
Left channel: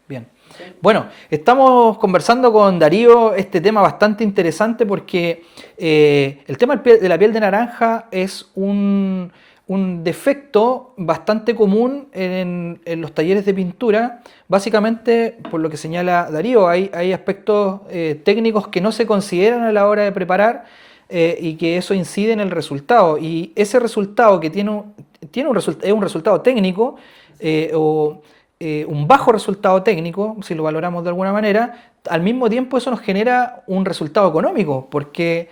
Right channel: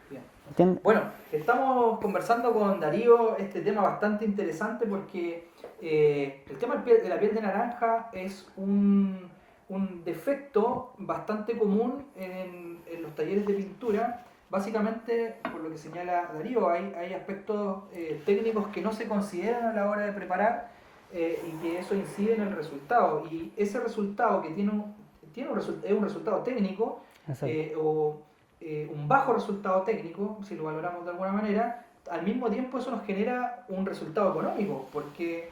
Bien. ¿Entiendes? Bueno, estamos conversando con Darío este tema bastante interesante porque el tema de la piel de naranja es un defecto bastante común en los talleres de pintura. Básicamente, por lo que señala Darío, hay aspectos técnicos que no se consideran a la hora de preparar y que eso incide en el resultado. Y ese resultado que es un resultado técnico un bajo resultado técnico, si lo valoramos de alguna manera, al mismo tiempo eso nos genera un resultado económico, porque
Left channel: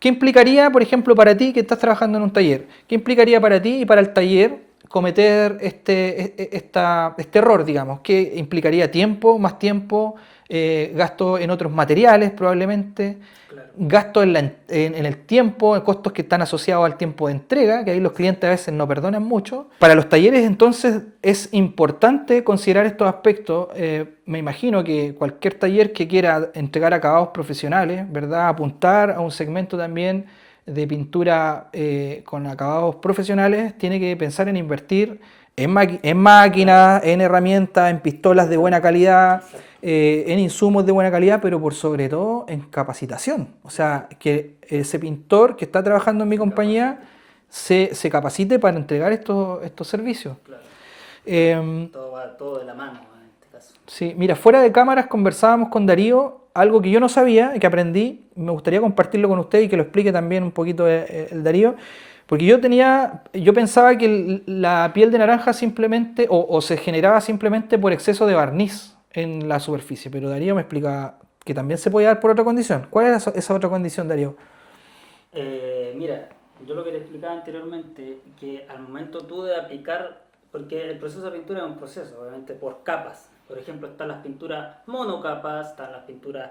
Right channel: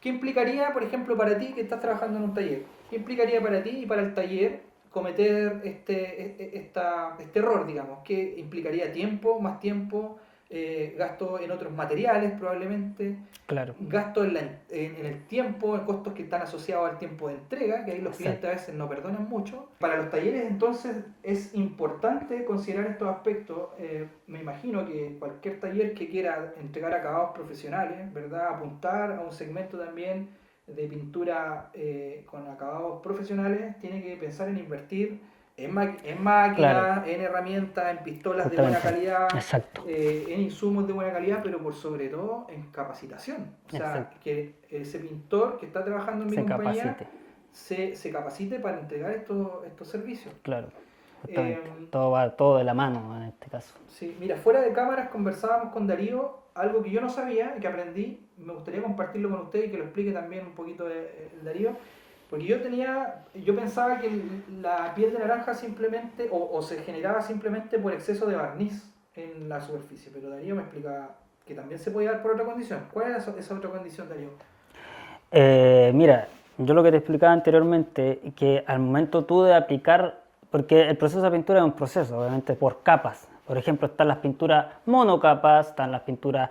¿qué implicaría, por ejemplo, para ti que estás trabajando en un taller? ¿Qué implicaría para ti y para el taller cometer este error, digamos? ¿Qué implicaría tiempo, más tiempo, gasto en otros materiales probablemente? Claro. Gasto en el tiempo, costos que están asociados al tiempo de entrega, que ahí los clientes a veces no perdonan mucho. Para los talleres entonces es importante considerar estos aspectos. Me imagino que cualquier taller que quiera entregar acabados profesionales, ¿verdad? Apuntar a un segmento también de pintura con acabados profesionales, tiene que pensar en invertir en máquinas, claro, en herramientas, en pistolas de buena calidad, en insumos de buena calidad, pero por sobre todo en capacitación. O sea, que ese pintor que está trabajando en mi compañía se capacite para entregar estos servicios. Claro. Todo va todo de la mano en este caso. Sí, mira, fuera de cámaras conversábamos con Darío, algo que yo no sabía y que aprendí, me gustaría compartirlo con usted y que lo explique también un poquito el Darío. Porque yo pensaba que la piel de naranja simplemente, o se generaba simplemente por exceso de barniz en la superficie, pero Darío me explica que también se puede dar por otra condición. ¿Cuál es esa otra condición, Darío? Mira, yo lo que te explicaba anteriormente, que al momento tú de aplicar, porque el proceso de pintura es un proceso, obviamente por capas. Por ejemplo, están las pinturas monocapas, están las pinturas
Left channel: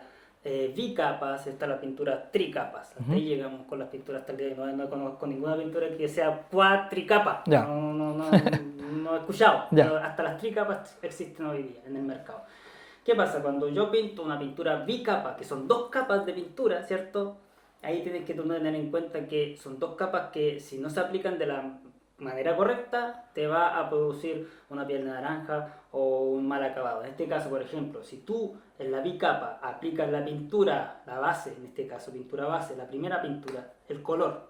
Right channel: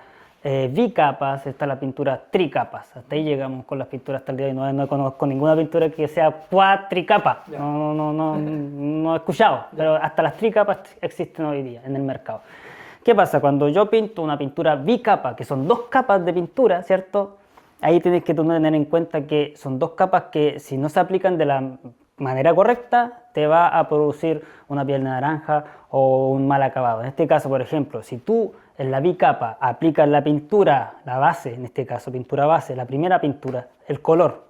bicapas, está la pintura tricapas. Hasta ahí llegamos con las pinturas hasta el día de hoy. No conozco ninguna pintura que sea cuatricapa. Ya. No he escuchado. Ya. Pero hasta las tricapas existen hoy día en el mercado. ¿Qué pasa? Cuando yo pinto una pintura bicapa, que son 2 capas de pintura, ¿cierto? Ahí tienes que tener en cuenta que son 2 capas que si no se aplican de la manera correcta, te va a producir una piel de naranja o un mal acabado. En este caso, por ejemplo, si tú en la bicapa aplicas la pintura, la base, en este caso pintura base, la primera pintura, el color.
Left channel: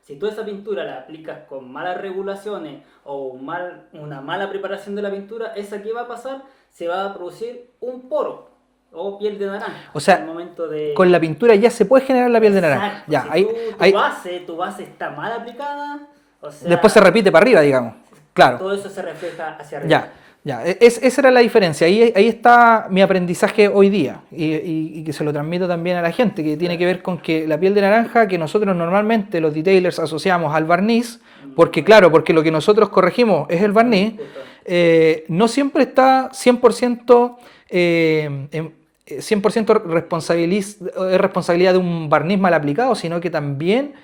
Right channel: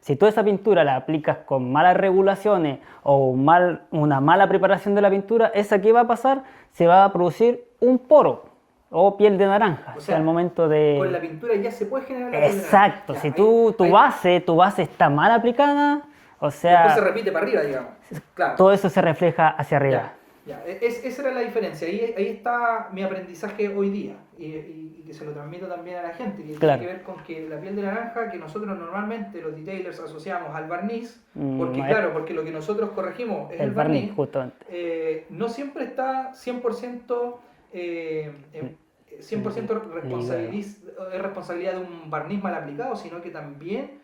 Si tú esa pintura la aplicas con malas regulaciones o una mala preparación de la pintura, ¿esa qué va a pasar? Se va a producir un poro o piel de naranja. O sea, al momento de... con la pintura ya se puede generar la piel de naranja. Exacto. Ya, Si ahí- tu base está mal aplicada, o sea, después se repite para arriba, digamos. Claro. todo eso se refleja hacia arriba. Ya. Esa era la diferencia. Ahí está mi aprendizaje hoy día y que se lo transmito también a la gente, que tiene Claro. que ver con que la piel de naranja que nosotros normalmente los detailers asociamos al barniz, porque Bueno. claro, porque lo que nosotros corregimos es el barniz, justamente. no siempre está 100%, 100% es responsabilidad de un barniz mal aplicado, sino que también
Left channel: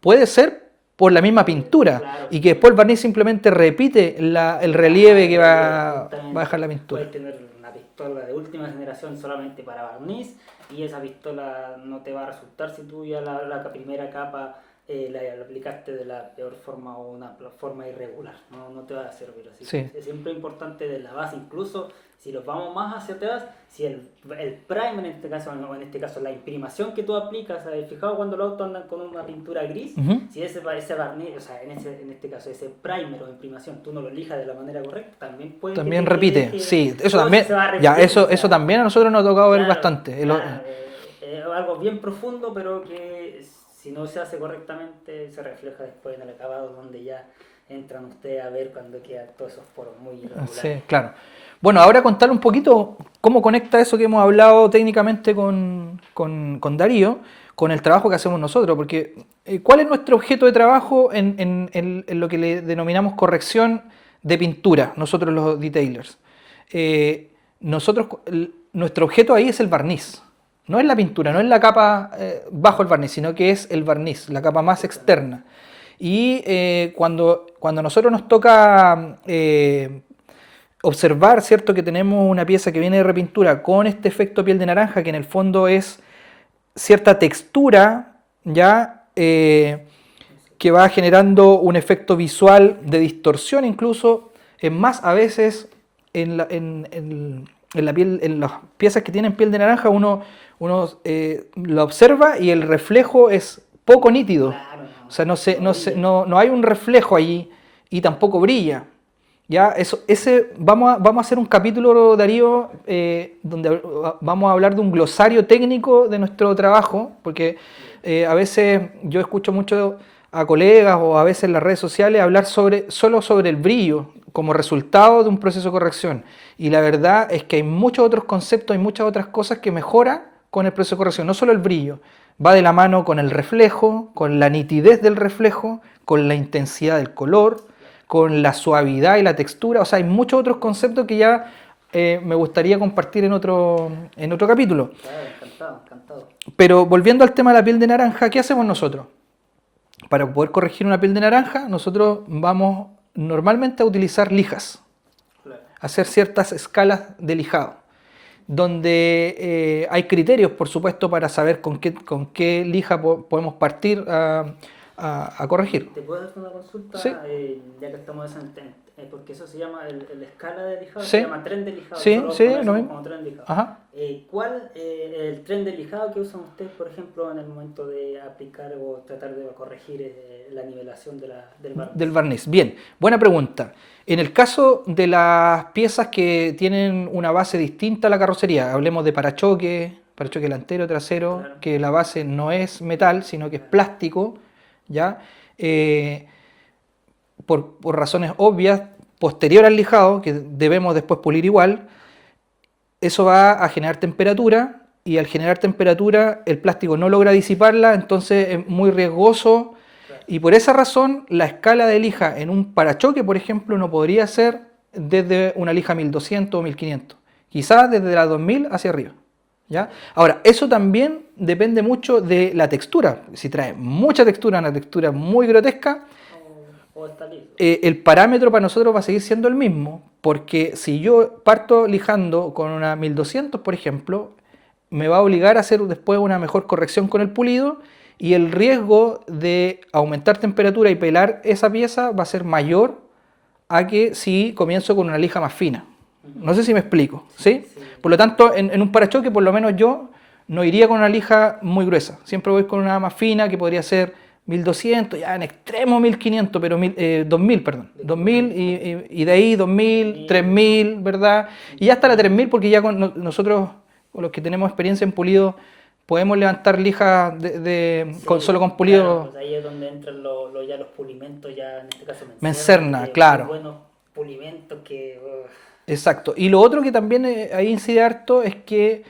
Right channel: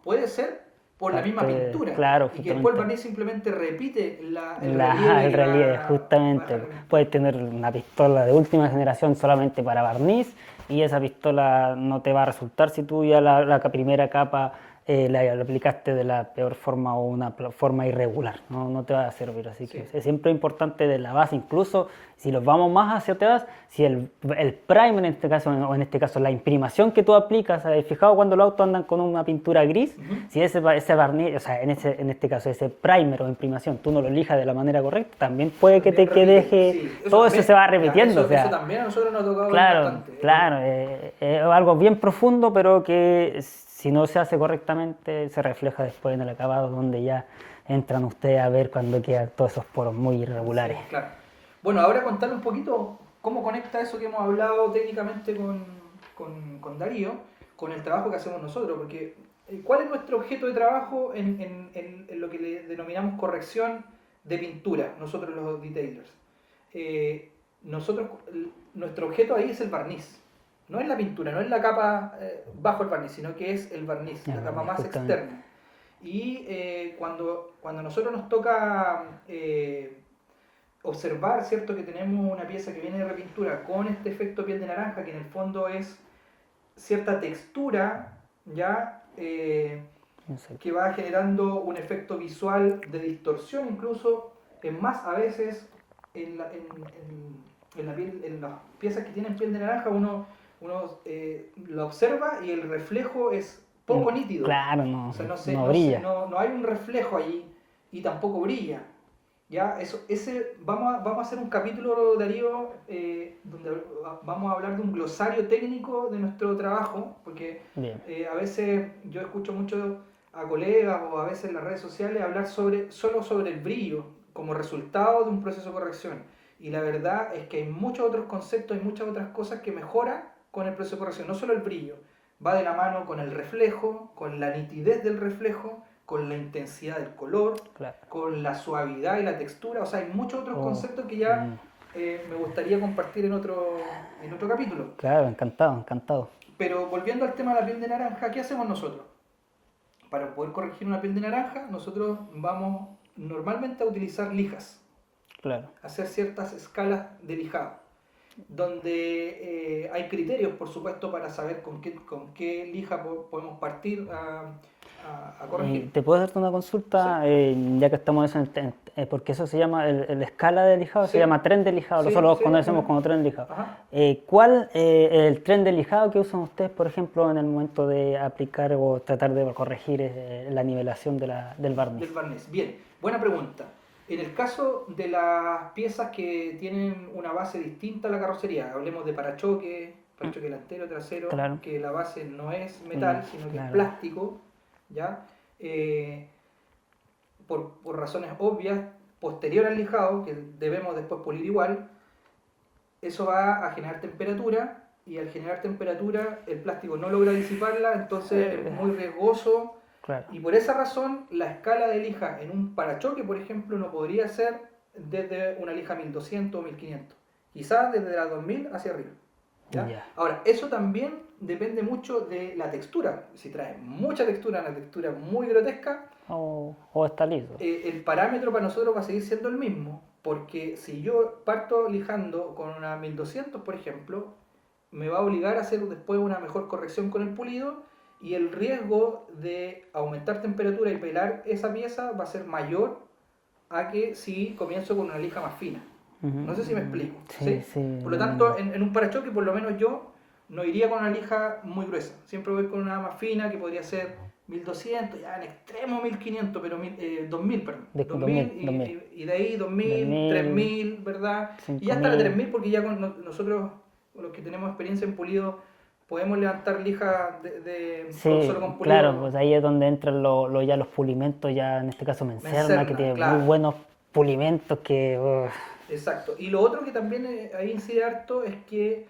puede ser por la misma pintura, claro, y que después el barniz simplemente repite el relieve que va a justamente. dejar la pintura. Puedes tener una pistola de última generación solamente para barniz y esa pistola no te va a resultar si tú ya la primera capa la aplicaste de la peor forma o una forma irregular. No te va a servir. Así Sí. que es siempre importante de la base, incluso si los vamos más hacia atrás, si el primer en este caso, o en este caso la imprimación que tú aplicas, fijado cuando los autos andan con una pintura gris, si ese barniz, o sea, en este caso ese primer o imprimación, tú no lo elijas de la manera correcta, también puede También que te repite, deje, sí, eso todo también, se va ya, repitiendo, eso, o sea, eso también a nosotros nos ha tocado ver claro, bastante. Claro, es algo bien profundo, pero que si no se hace correctamente se refleja después en el acabado, donde ya entran ustedes a ver cuando quedan todos esos poros muy irregulares. Sí, claro. Bueno, ahora contarle un poquito cómo conecta eso que hemos hablado técnicamente con Darío, con el trabajo que hacemos nosotros, porque ¿cuál es nuestro objeto de trabajo en lo que le denominamos corrección de pintura, nosotros los detailers? Nuestro objeto ahí es el barniz, no es la pintura, no es la capa bajo el barniz, sino que es el barniz, la capa más Justamente. externa. Y cuando a nosotros nos toca observar, ¿cierto?, que tenemos una pieza que viene de repintura con este efecto piel de naranja, que en el fondo es cierta textura, ¿ya? Que va generando un efecto visual de distorsión incluso, es más a veces en las piezas que tienen piel de naranja uno lo observa y el reflejo es poco nítido. Claro, no. O sea, brilla. no hay un reflejo allí y tampoco brilla. Ya, vamos a hacer un capítulo, Darío, donde vamos a hablar de un glosario técnico de nuestro trabajo, porque a veces yo escucho mucho a colegas o a veces en las redes sociales hablar solo sobre el brillo como resultado de un proceso de corrección. Y la verdad es que hay muchos otros conceptos, hay muchas otras cosas que mejoran con el proceso de corrección, no solo el brillo. Va de la mano con el reflejo, con la nitidez del reflejo, con la intensidad del color, Claro. con la suavidad y la textura. O sea, hay muchos otros conceptos que ya me gustaría compartir en otro capítulo. Claro, encantado. Pero volviendo al tema de la piel de naranja, ¿qué hacemos nosotros? Para poder corregir una piel de naranja, nosotros vamos normalmente a utilizar lijas, Claro. hacer ciertas escalas de lijado, donde hay criterios, por supuesto, para saber con qué lija podemos partir a corregir. ¿Te puedo hacerte una consulta? Sí. Ya que estamos en porque eso se llama, el escala de lijado, Sí. se llama tren de lijado, Sí, nosotros sí, lo conocemos no. como tren de lijado. Ajá. ¿Cuál el tren de lijado que usan ustedes, por ejemplo, en el momento de aplicar o tratar de corregir la nivelación del barniz? Del barniz. Bien, buena pregunta. En el caso de las piezas que tienen una base distinta a la carrocería, hablemos de parachoque delantero, trasero, Claro. que la base no es metal, sino que es Claro. plástico, ¿ya? Por razones obvias, posterior al lijado, que debemos después pulir igual, eso va a generar temperatura, y al generar temperatura el plástico no logra disiparla, entonces es muy riesgoso. Claro. Y por esa razón, la escala de lija en un parachoque, por ejemplo, no podría ser desde una lija 1200 o 1500. Quizás desde la 2000 hacia arriba. ¿ya? Ya. Ahora, eso también depende mucho de la textura. Si trae mucha textura, una textura muy grotesca, O está liso. el parámetro para nosotros va a seguir siendo el mismo, porque si yo parto lijando con una 1200, por ejemplo, me va a obligar a hacer después una mejor corrección con el pulido y el riesgo de aumentar temperatura y pelar esa pieza va a ser mayor a que si comienzo con una lija más fina. No sé si me explico, ¿sí? Sí. Por lo tanto, en un parachoque, por lo menos yo no iría con una lija muy gruesa. Siempre voy con una más fina que podría ser 1200, ya en extremo 1500, pero 2000, perdón. De 2000 2000. y de ahí 2000, 2000, 3000, ¿verdad? Y ya hasta la 5000. 3000 porque ya nosotros, los que tenemos experiencia en pulido, podemos levantar lijas solo con pulido. Claro, pues ahí es donde entran ya los pulimentos, ya en este caso Mencerna, que tiene claro. muy buenos pulimentos que... Exacto. Y lo otro que también ahí incide harto es que,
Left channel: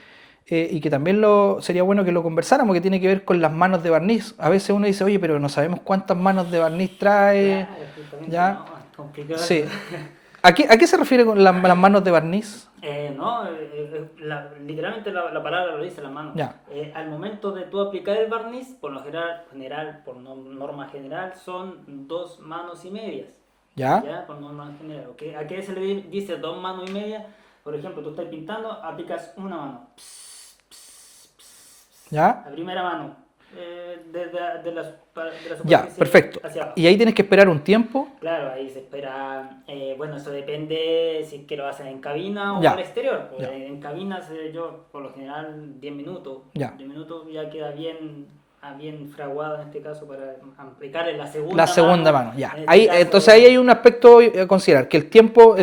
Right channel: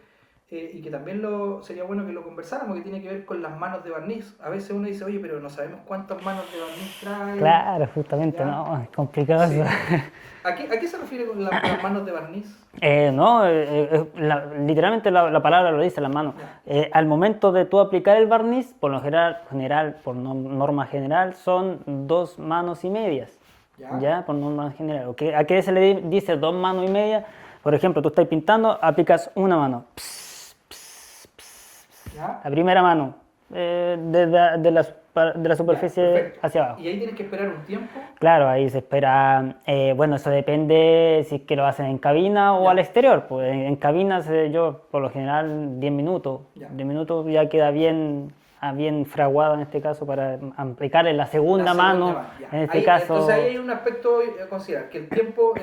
y que también sería bueno que lo conversáramos, que tiene que ver con las manos de barniz. A veces uno dice, oye, pero no sabemos cuántas manos de barniz trae. Claro, justamente, ¿ya? no, es complicado. Sí. ¿A qué se refiere con las manos de barniz? Literalmente la palabra lo dice, las manos. Ya. Al momento de tú aplicar el barniz, por lo general, por norma general, son 2 manos y medias. ¿Ya? Por norma general. ¿A qué se le dice 2 manos y media? Por ejemplo, tú estás pintando, aplicas una mano. ¿Ya? La primera mano, de la Ya, superficie perfecto. hacia abajo. Y ahí tienes que esperar un tiempo. Claro, ahí se espera, bueno, eso depende si es que lo hacen en cabina o Ya. al exterior. Pues en cabina yo por lo general 10 minutos. Ya. 10 minutos ya queda bien fraguado en este caso para aplicarle la segunda La mano. segunda mano, ya. En este caso, Entonces ahí hay un aspecto a considerar, que el tiempo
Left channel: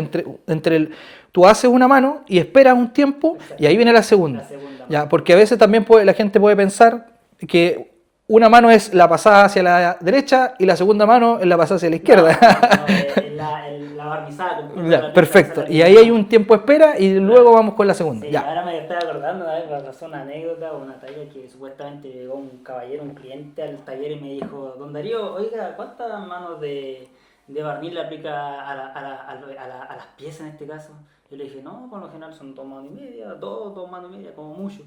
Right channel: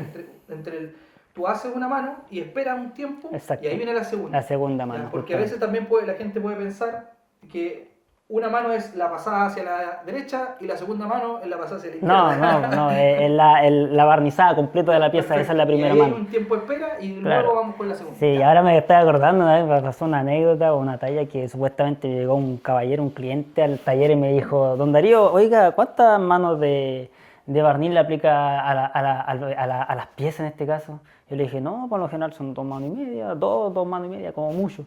tú haces una mano y esperas un tiempo Exacto. y ahí viene la segunda. La segunda Ya, mano, porque a veces también la gente puede pensar que una mano es la pasada hacia la derecha y la segunda mano es la pasada hacia la izquierda. No, es la barnizada completa de la pieza. Perfecto. Esa es la Y primera ahí hay mano. un tiempo de espera y Claro. luego vamos con la segunda. Sí, Ya. ahora me estoy acordando, ¿no? Me pasó una anécdota o una talla que supuestamente llegó un caballero, un cliente al taller y me dijo, don Darío, oiga, ¿cuántas manos de barniz le aplica a las piezas en este caso? Yo le dije, no, por lo general son 2 manos y media, dos manos y media, como mucho.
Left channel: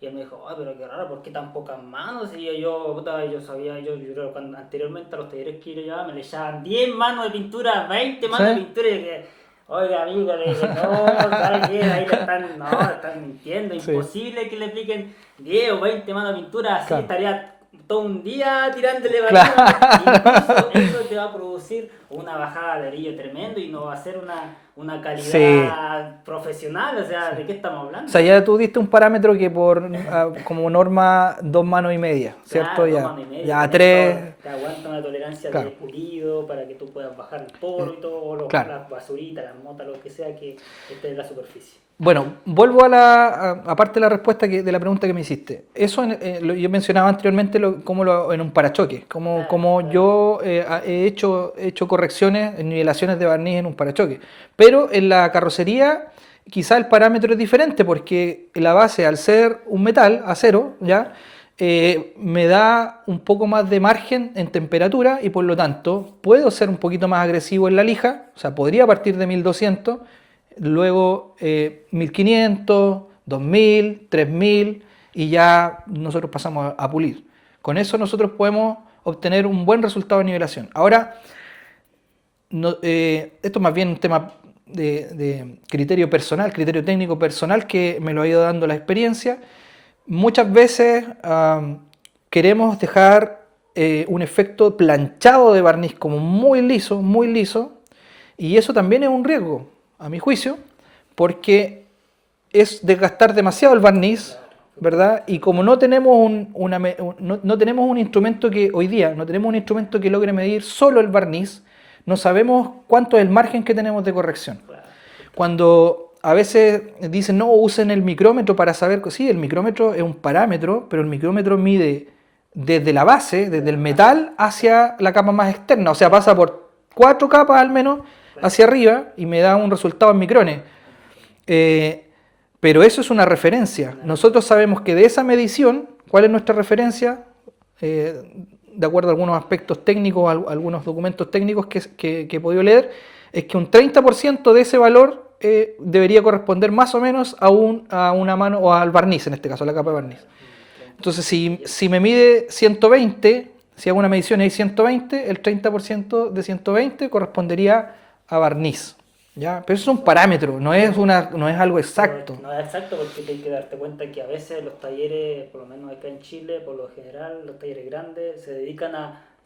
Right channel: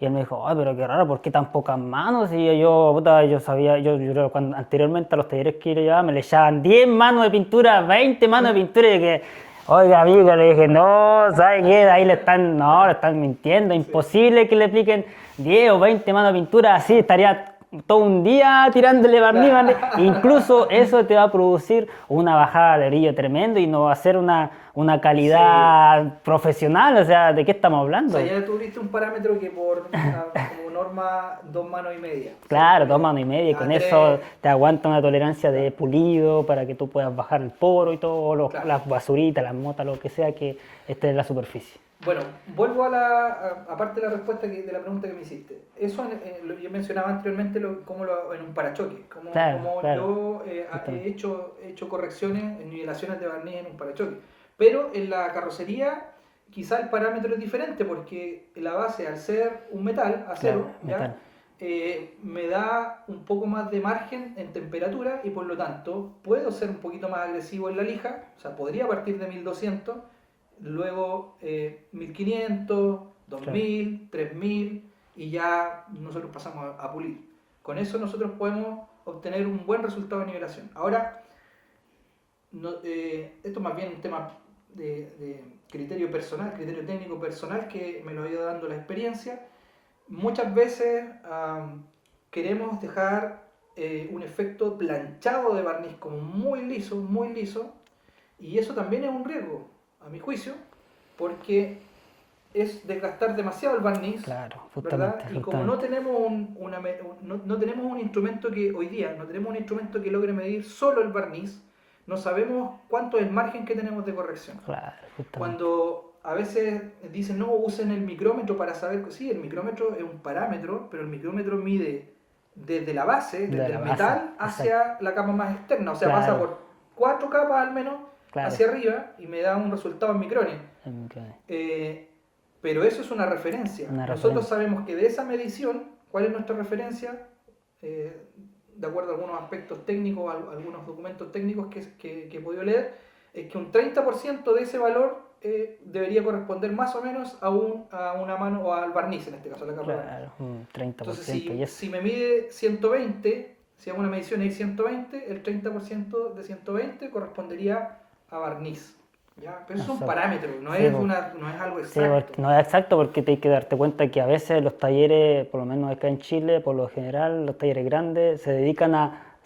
Y él me dijo, ay, pero qué raro, ¿por qué tan pocas manos? Y yo sabía, yo creo que anteriormente a los talleres que yo llevaba me le echaban 10 manos de pintura, 20 manos ¿Sí? de pintura y que, oiga, amigo, le dije, no, ¿sabes qué? Ahí le están mintiendo, imposible que le apliquen 10 o 20 manos de pintura, así estaría todo un día tirándole barniz. Incluso eso te va a producir una bajada de brillo tremendo y no va a ser una calidad profesional, o sea, ¿de qué estamos hablando? O sea, ya tú diste un parámetro que como norma 2 manos y media. Claro, ¿cierto? 2 manos y media. Ya, Con 3. eso te aguanta una tolerancia Claro. de pulido para que tú puedas bajar el poro y todo, Claro. las basuritas, las motas, lo que sea que esté en la superficie. Bueno, vuelvo aparte de la respuesta de la pregunta que me hiciste. Eso yo mencionaba anteriormente en un parachoque, como Claro. yo he hecho correcciones, nivelaciones de barniz en un parachoque. Pero en la carrocería quizá el parámetro es diferente porque la base, al ser un metal, acero, Claro, ¿ya? Me da un poco más de margen en temperatura y por lo tanto puedo ser un poquito más agresivo en la lija, o sea, podría partir de 1200, luego 1500, 2000, 3000 y ya nosotros pasamos a pulir. Con eso nosotros podemos obtener un buen resultado de nivelación. Ahora, esto es más bien un tema de criterio personal, criterio técnico personal que me lo ha ido dando la experiencia. Muchas veces queremos dejar un efecto planchado de barniz como muy liso, y eso también es un riesgo, a mi juicio, porque es desgastar demasiado el barniz, Claro, ¿verdad? Y como no tenemos no tenemos un instrumento hoy día no tenemos un instrumento que logre medir solo el barniz, no sabemos cuánto es el margen que tenemos de corrección. Claro, Cuando a veces dicen, no, usen el micrómetro para saber, sí, el micrómetro es un parámetro, pero el micrómetro mide desde la base, desde el metal hacia la capa más externa, o sea, pasa por 4 capas al menos hacia arriba y me da un resultado en micrones. Pero eso es una referencia. Nosotros sabemos que de esa medición, ¿cuál es nuestra referencia? De acuerdo a algunos aspectos técnicos, algunos documentos técnicos que he podido leer, es que un 30% de ese valor debería corresponder más o menos a una mano o al barniz, en este caso, a la capa de barniz. Claro, un 30%. Entonces, Y eso. si me mide 120, si hago una medición y hay 120, el 30% de 120 correspondería a barniz. ¿Ya? Pero eso es un Exacto. parámetro, no es, Sí, no es algo sí, exacto. no es exacto porque hay que darte cuenta que a veces los talleres, por lo menos acá en Chile, por lo general, los talleres grandes se dedican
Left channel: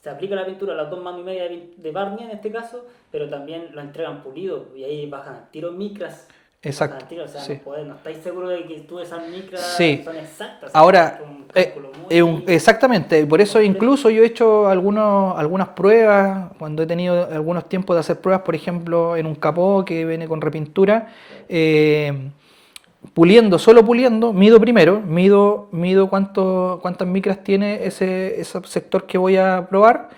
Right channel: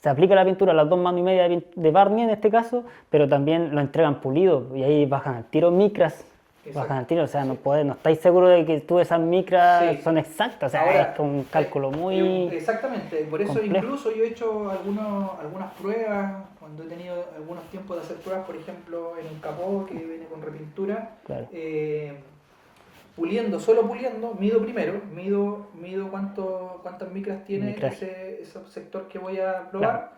se aplica la pintura a las 2 manos y media de barniz en este caso, pero también lo entregan pulido y ahí bajan al tiro micras. Exacto, Bajan al tiro, o sea, sí. no estáis seguros de que tú esas micras Sí. son exactas. O sea, Ahora, es un cálculo muy exactamente, por eso complejo. incluso yo he hecho algunas pruebas, cuando he tenido algunos tiempos de hacer pruebas, por ejemplo, en un capó que viene con repintura, Claro. puliendo, solo puliendo, mido primero, mido cuántas micras tiene Claro. ese sector que voy a probar,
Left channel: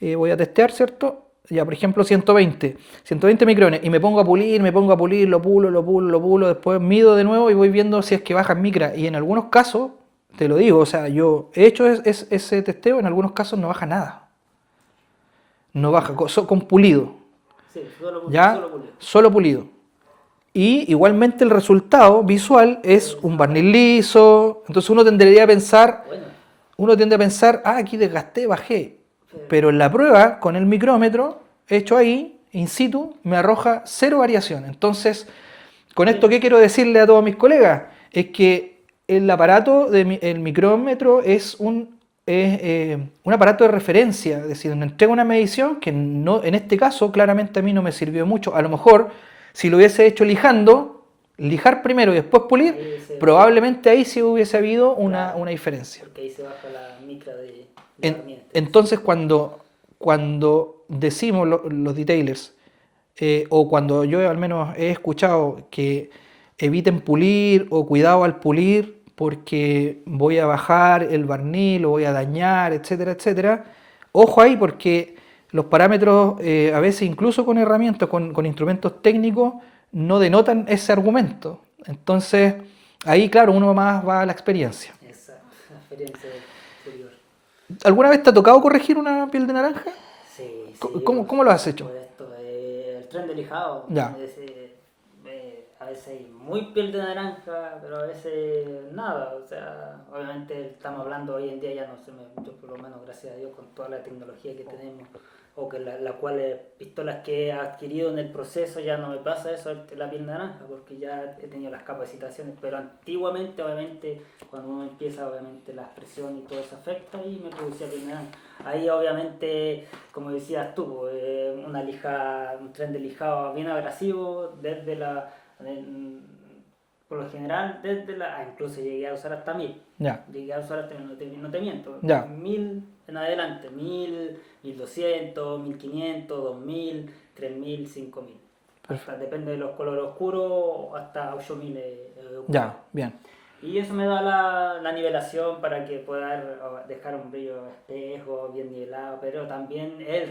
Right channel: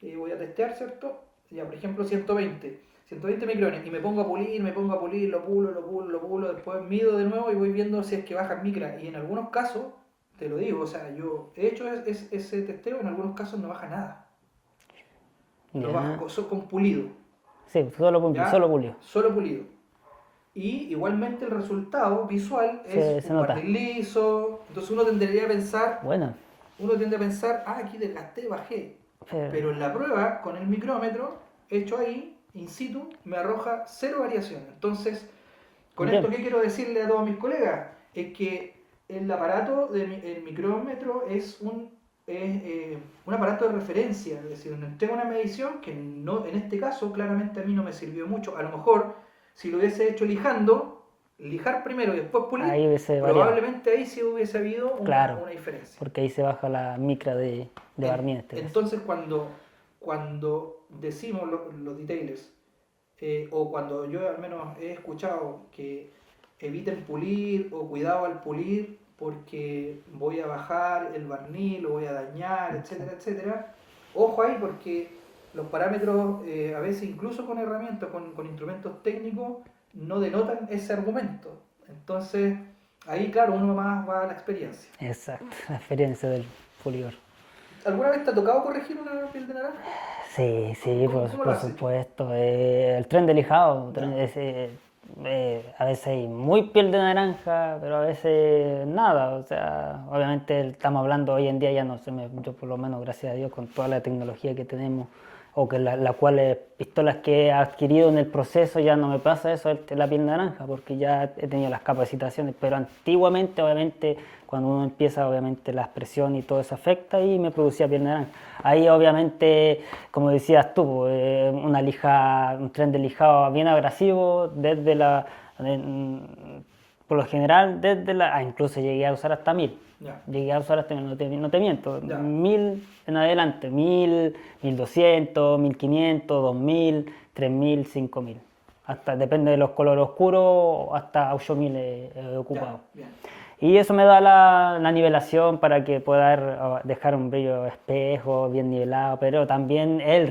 voy a testear, ¿cierto? Ya, por ejemplo, 120 micrones, y me pongo a pulir, lo pulo, después mido de nuevo y voy viendo si es que baja en micra. Y en algunos casos, te lo digo, o sea, yo he hecho ese testeo, en algunos casos no baja nada. No baja, con pulido, Sí, ¿ya? solo pulido. Solo pulido. Y igualmente el resultado visual es Se un nota. barniz liso, entonces uno tendría a pensar, Bueno, aquí desgasté, bajé. pero- Pero en la prueba, con el micrómetro, hecho ahí, in situ, me arroja cero variación. Entonces, con bien. esto, ¿qué quiero decirle a todos mis colegas? Es que el aparato, el micrómetro, un aparato de referencia. Es decir, me entrega una medición que no, en este caso, claramente a mí no me sirvió mucho. A lo mejor, si lo hubiese hecho lijar primero y después pulir, Ahí hubiese probablemente ahí sí hubiese habido Claro. una diferencia. Porque ahí se baja la micra de barniz. en este caso. Entonces, cuando decimos los detailers, o cuando yo al menos he escuchado que eviten pulir o cuidado al pulir porque voy a bajar el barniz, lo voy a dañar, etcétera, etcétera, ojo ahí porque los parámetros, a veces incluso con herramientas, con instrumentos técnicos, no denotan ese argumento. Entonces, ahí, claro, uno más va a la experiencia. Exacto, la experiencia del pulidor. ¿Alguna vez te ha tocado corregir una piel de naranja? Sí, sí. ¿Cómo lo has hecho? Supuesto. El tren de lijado. Ya. A veces hay muy piel de naranja, pero a veces nada. O sea, obviamente estamos hablando hoy en día, ya no sé, yo por lo menos, gracias a Dios, con toda la tecnología que tenemos, o que las cuales pistolas que he adquirido en el proceso, ya no me pasa eso de la piel naranja, porque ya he tenido las capacitaciones. Pero antiguamente, obviamente, cuando uno empieza, obviamente la presión y todo eso afecta y me producía piel naranja. Ahí obviamente, como decías tú, un tren de lijado bien abrasivo, por lo general, incluso llegué a usar hasta 1000. Ya. Llegué a usar hasta, no te miento, Ya. 1000 en adelante, 1000, 1200, 1500, 2000, 3000, 5000. Hasta, depende de los colores oscuros, hasta 8000 he ocupado. Ya, bien. Y eso me da la nivelación para que pueda dejar un brillo espejo, bien nivelado, pero también es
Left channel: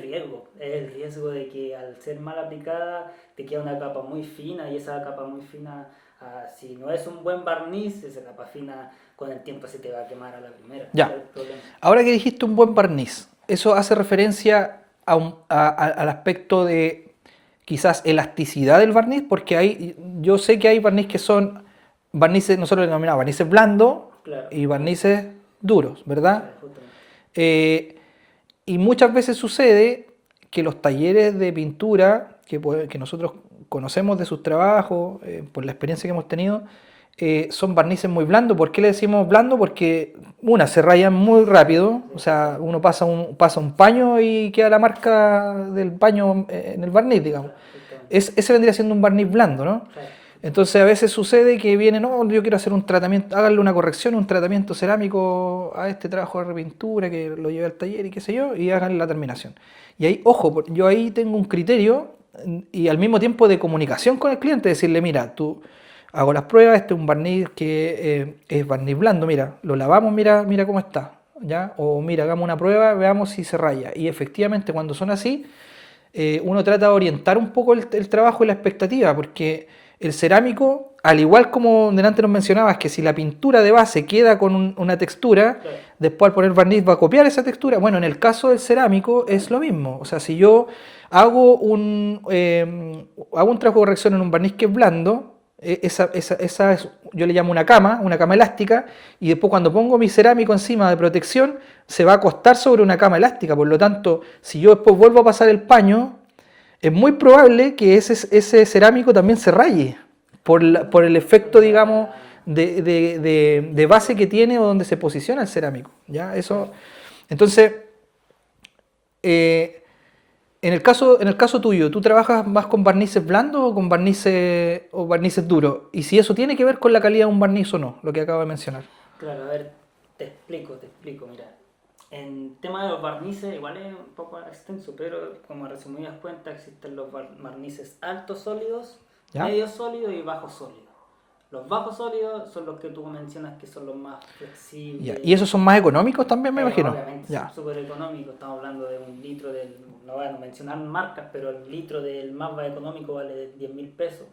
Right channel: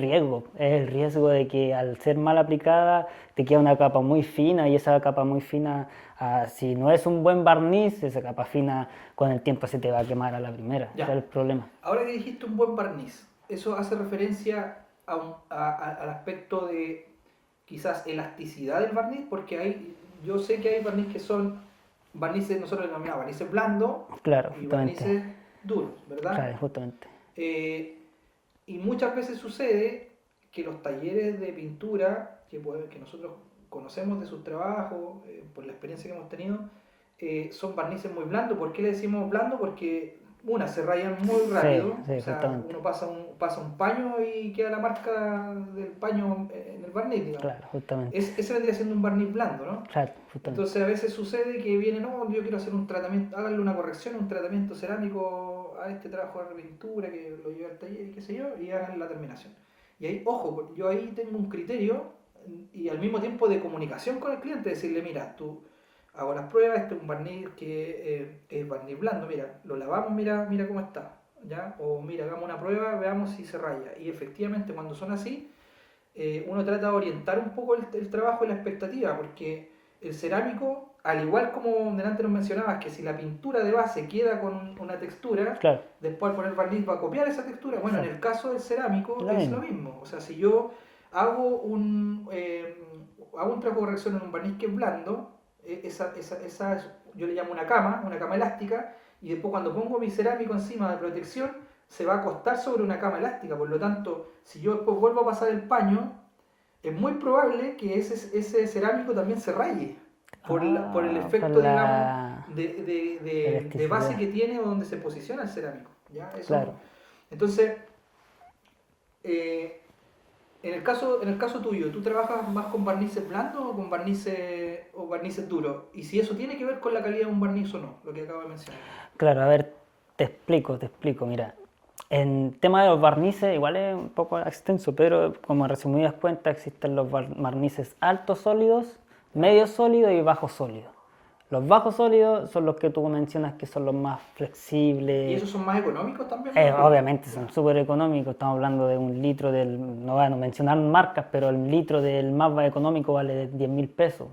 el riesgo de que al ser mal aplicada te queda una capa muy fina y esa capa muy fina, si no es un buen barniz, esa capa fina con el tiempo se te va a quemar a la primera. Ya. Ese es el problema. Ahora que dijiste un buen barniz, eso hace referencia al aspecto de quizás elasticidad del barniz, porque yo sé que hay barniz que son barnices, nosotros le denominamos barnices blandos Claro, y barnices duros, ¿verdad? Claro, justamente. Y muchas veces sucede que los talleres de pintura que nosotros conocemos de sus trabajos, por la experiencia que hemos tenido, son barnices muy blandos. ¿Por qué le decimos blando? Porque se rayan muy rápido, Sí, o sea, justamente. uno pasa un paño y queda la marca del paño en el barniz, digamos. Claro, justamente. Ese vendría siendo un barniz blando, ¿no? Claro, justamente. Entonces a veces sucede que viene, no, yo quiero hacer un tratamiento, háganle una corrección, un tratamiento cerámico a este trabajo de repintura que lo llevé al taller y qué sé yo, y hagan la terminación. Y ahí, ojo, yo ahí tengo un criterio y al mismo tiempo de comunicación con el cliente, decirle, mira, tú hago las pruebas, este es un barniz que es barniz blando, mira, lo lavamos, mira cómo está, ¿ya? O mira, hagamos una prueba, veamos si se raya. Y efectivamente cuando son así, uno trata de orientar un poco el trabajo y la expectativa, porque el cerámico, al igual como delante nos mencionabas, que si la pintura de base queda con una textura, Claro. después al poner barniz va a copiar esa textura. Bueno, en el caso del cerámico es lo mismo. O sea, si yo hago un trabajo de corrección en un barniz que es blando, yo le llamo una cama elástica, y después cuando pongo mi cerámico encima de protección, se va a acostar sobre una cama elástica. Por lo tanto, si yo después vuelvo a pasar el paño, es muy probable que ese cerámico también se raye por el efecto, digamos, de base que tiene o donde se posiciona el cerámico. ¿Ya? Eso. Claro. Entonces, en el caso tuyo, ¿tú trabajas más con barnices blandos o con barnices duros? Y si eso tiene que ver con la calidad de un barniz o no, lo que acabo de mencionar. Claro, a ver, te explico, mira. En tema de los barnices, igual es un poco extenso, pero como resumidas cuentas, existen los barnices altos sólidos, ¿Ya? medios sólidos y bajos sólidos. Los bajos sólidos son los que tú mencionas que son los más flexibles. ¿Y esos son más económicos también, me imagino? Obviamente, Ya. son súper económicos. Estamos hablando de un litro no voy a mencionar marcas, pero el litro del más económico vale 10.000 pesos.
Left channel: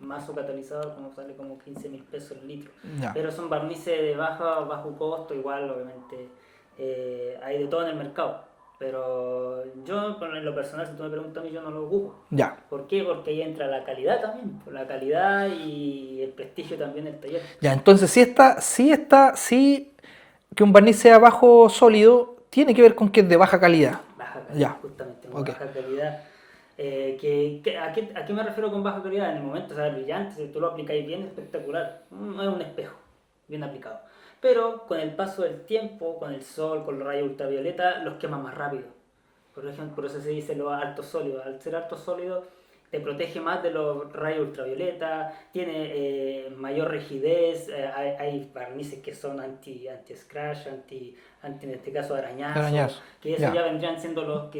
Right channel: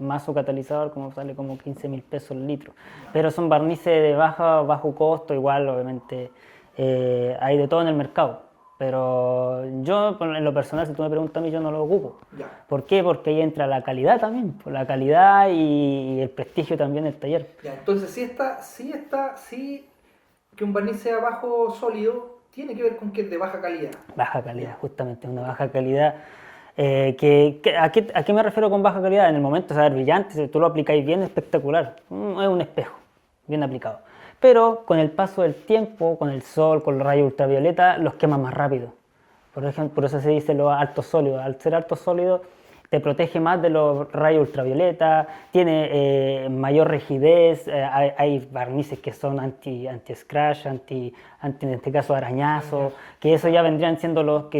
Más su catalizador como sale como 15.000 pesos el litro. Ya. Pero son barnices de bajo costo, igual obviamente hay de todo en el mercado. Pero yo, en lo personal, si tú me preguntas a mí, yo no lo ocupo. Ya. ¿Por qué? Porque ahí entra la calidad también, por la calidad y el prestigio también del taller. Ya, entonces sí que un barniz sea bajo sólido, tiene que ver con que es de baja calidad. Baja calidad, Ya. justamente, una Ok. baja calidad. ¿A qué me refiero con baja calidad? En el momento, saber brillante, si tú lo aplicáis bien, espectacular. Es un espejo, bien aplicado. Pero con el paso del tiempo, con el sol, con los rayos ultravioleta, los quema más rápido. Por ejemplo, por eso se dice los altos sólidos. Al ser alto sólido, te protege más de los rayos ultravioleta, tiene mayor rigidez, hay barnices que son anti-scratch, en este caso arañazo, que eso ya vendrían siendo los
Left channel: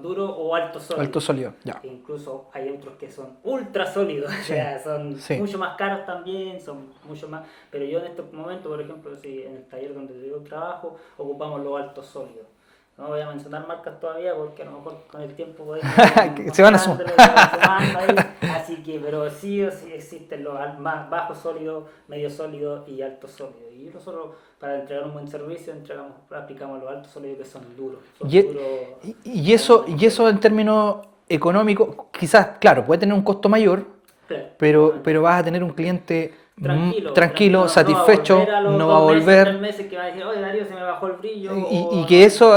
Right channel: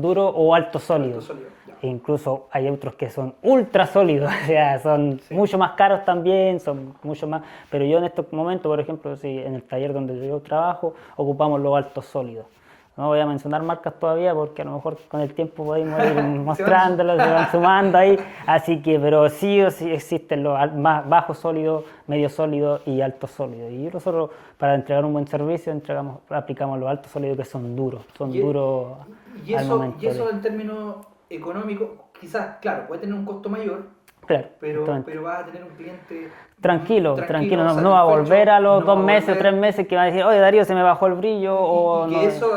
duros o altos sólidos. Alto sólido, ya. E incluso hay otros que son ultra sólidos, o sea, son mucho más caros también, son mucho más, pero yo en estos momentos, por ejemplo, en el taller donde yo trabajo, ocupamos los altos sólidos. No voy a mencionar marcas todavía porque a lo mejor con el tiempo podemos ir mostrándolas, se van sumando ahí. Así que, pero sí o sí existen los más bajos sólidos, medios sólidos y altos sólidos. Y nosotros, para entregar un buen servicio, aplicamos los altos sólidos que son duros. Y eso en términos económicos, quizás, claro, puede tener un costo mayor, Claro, pero vas a tener un cliente tranquilo, satisfecho, no va a volver a los no va a 2 meses, volver. 3 meses que va a decir, oye Darío, se me bajó el brillo. Y que eso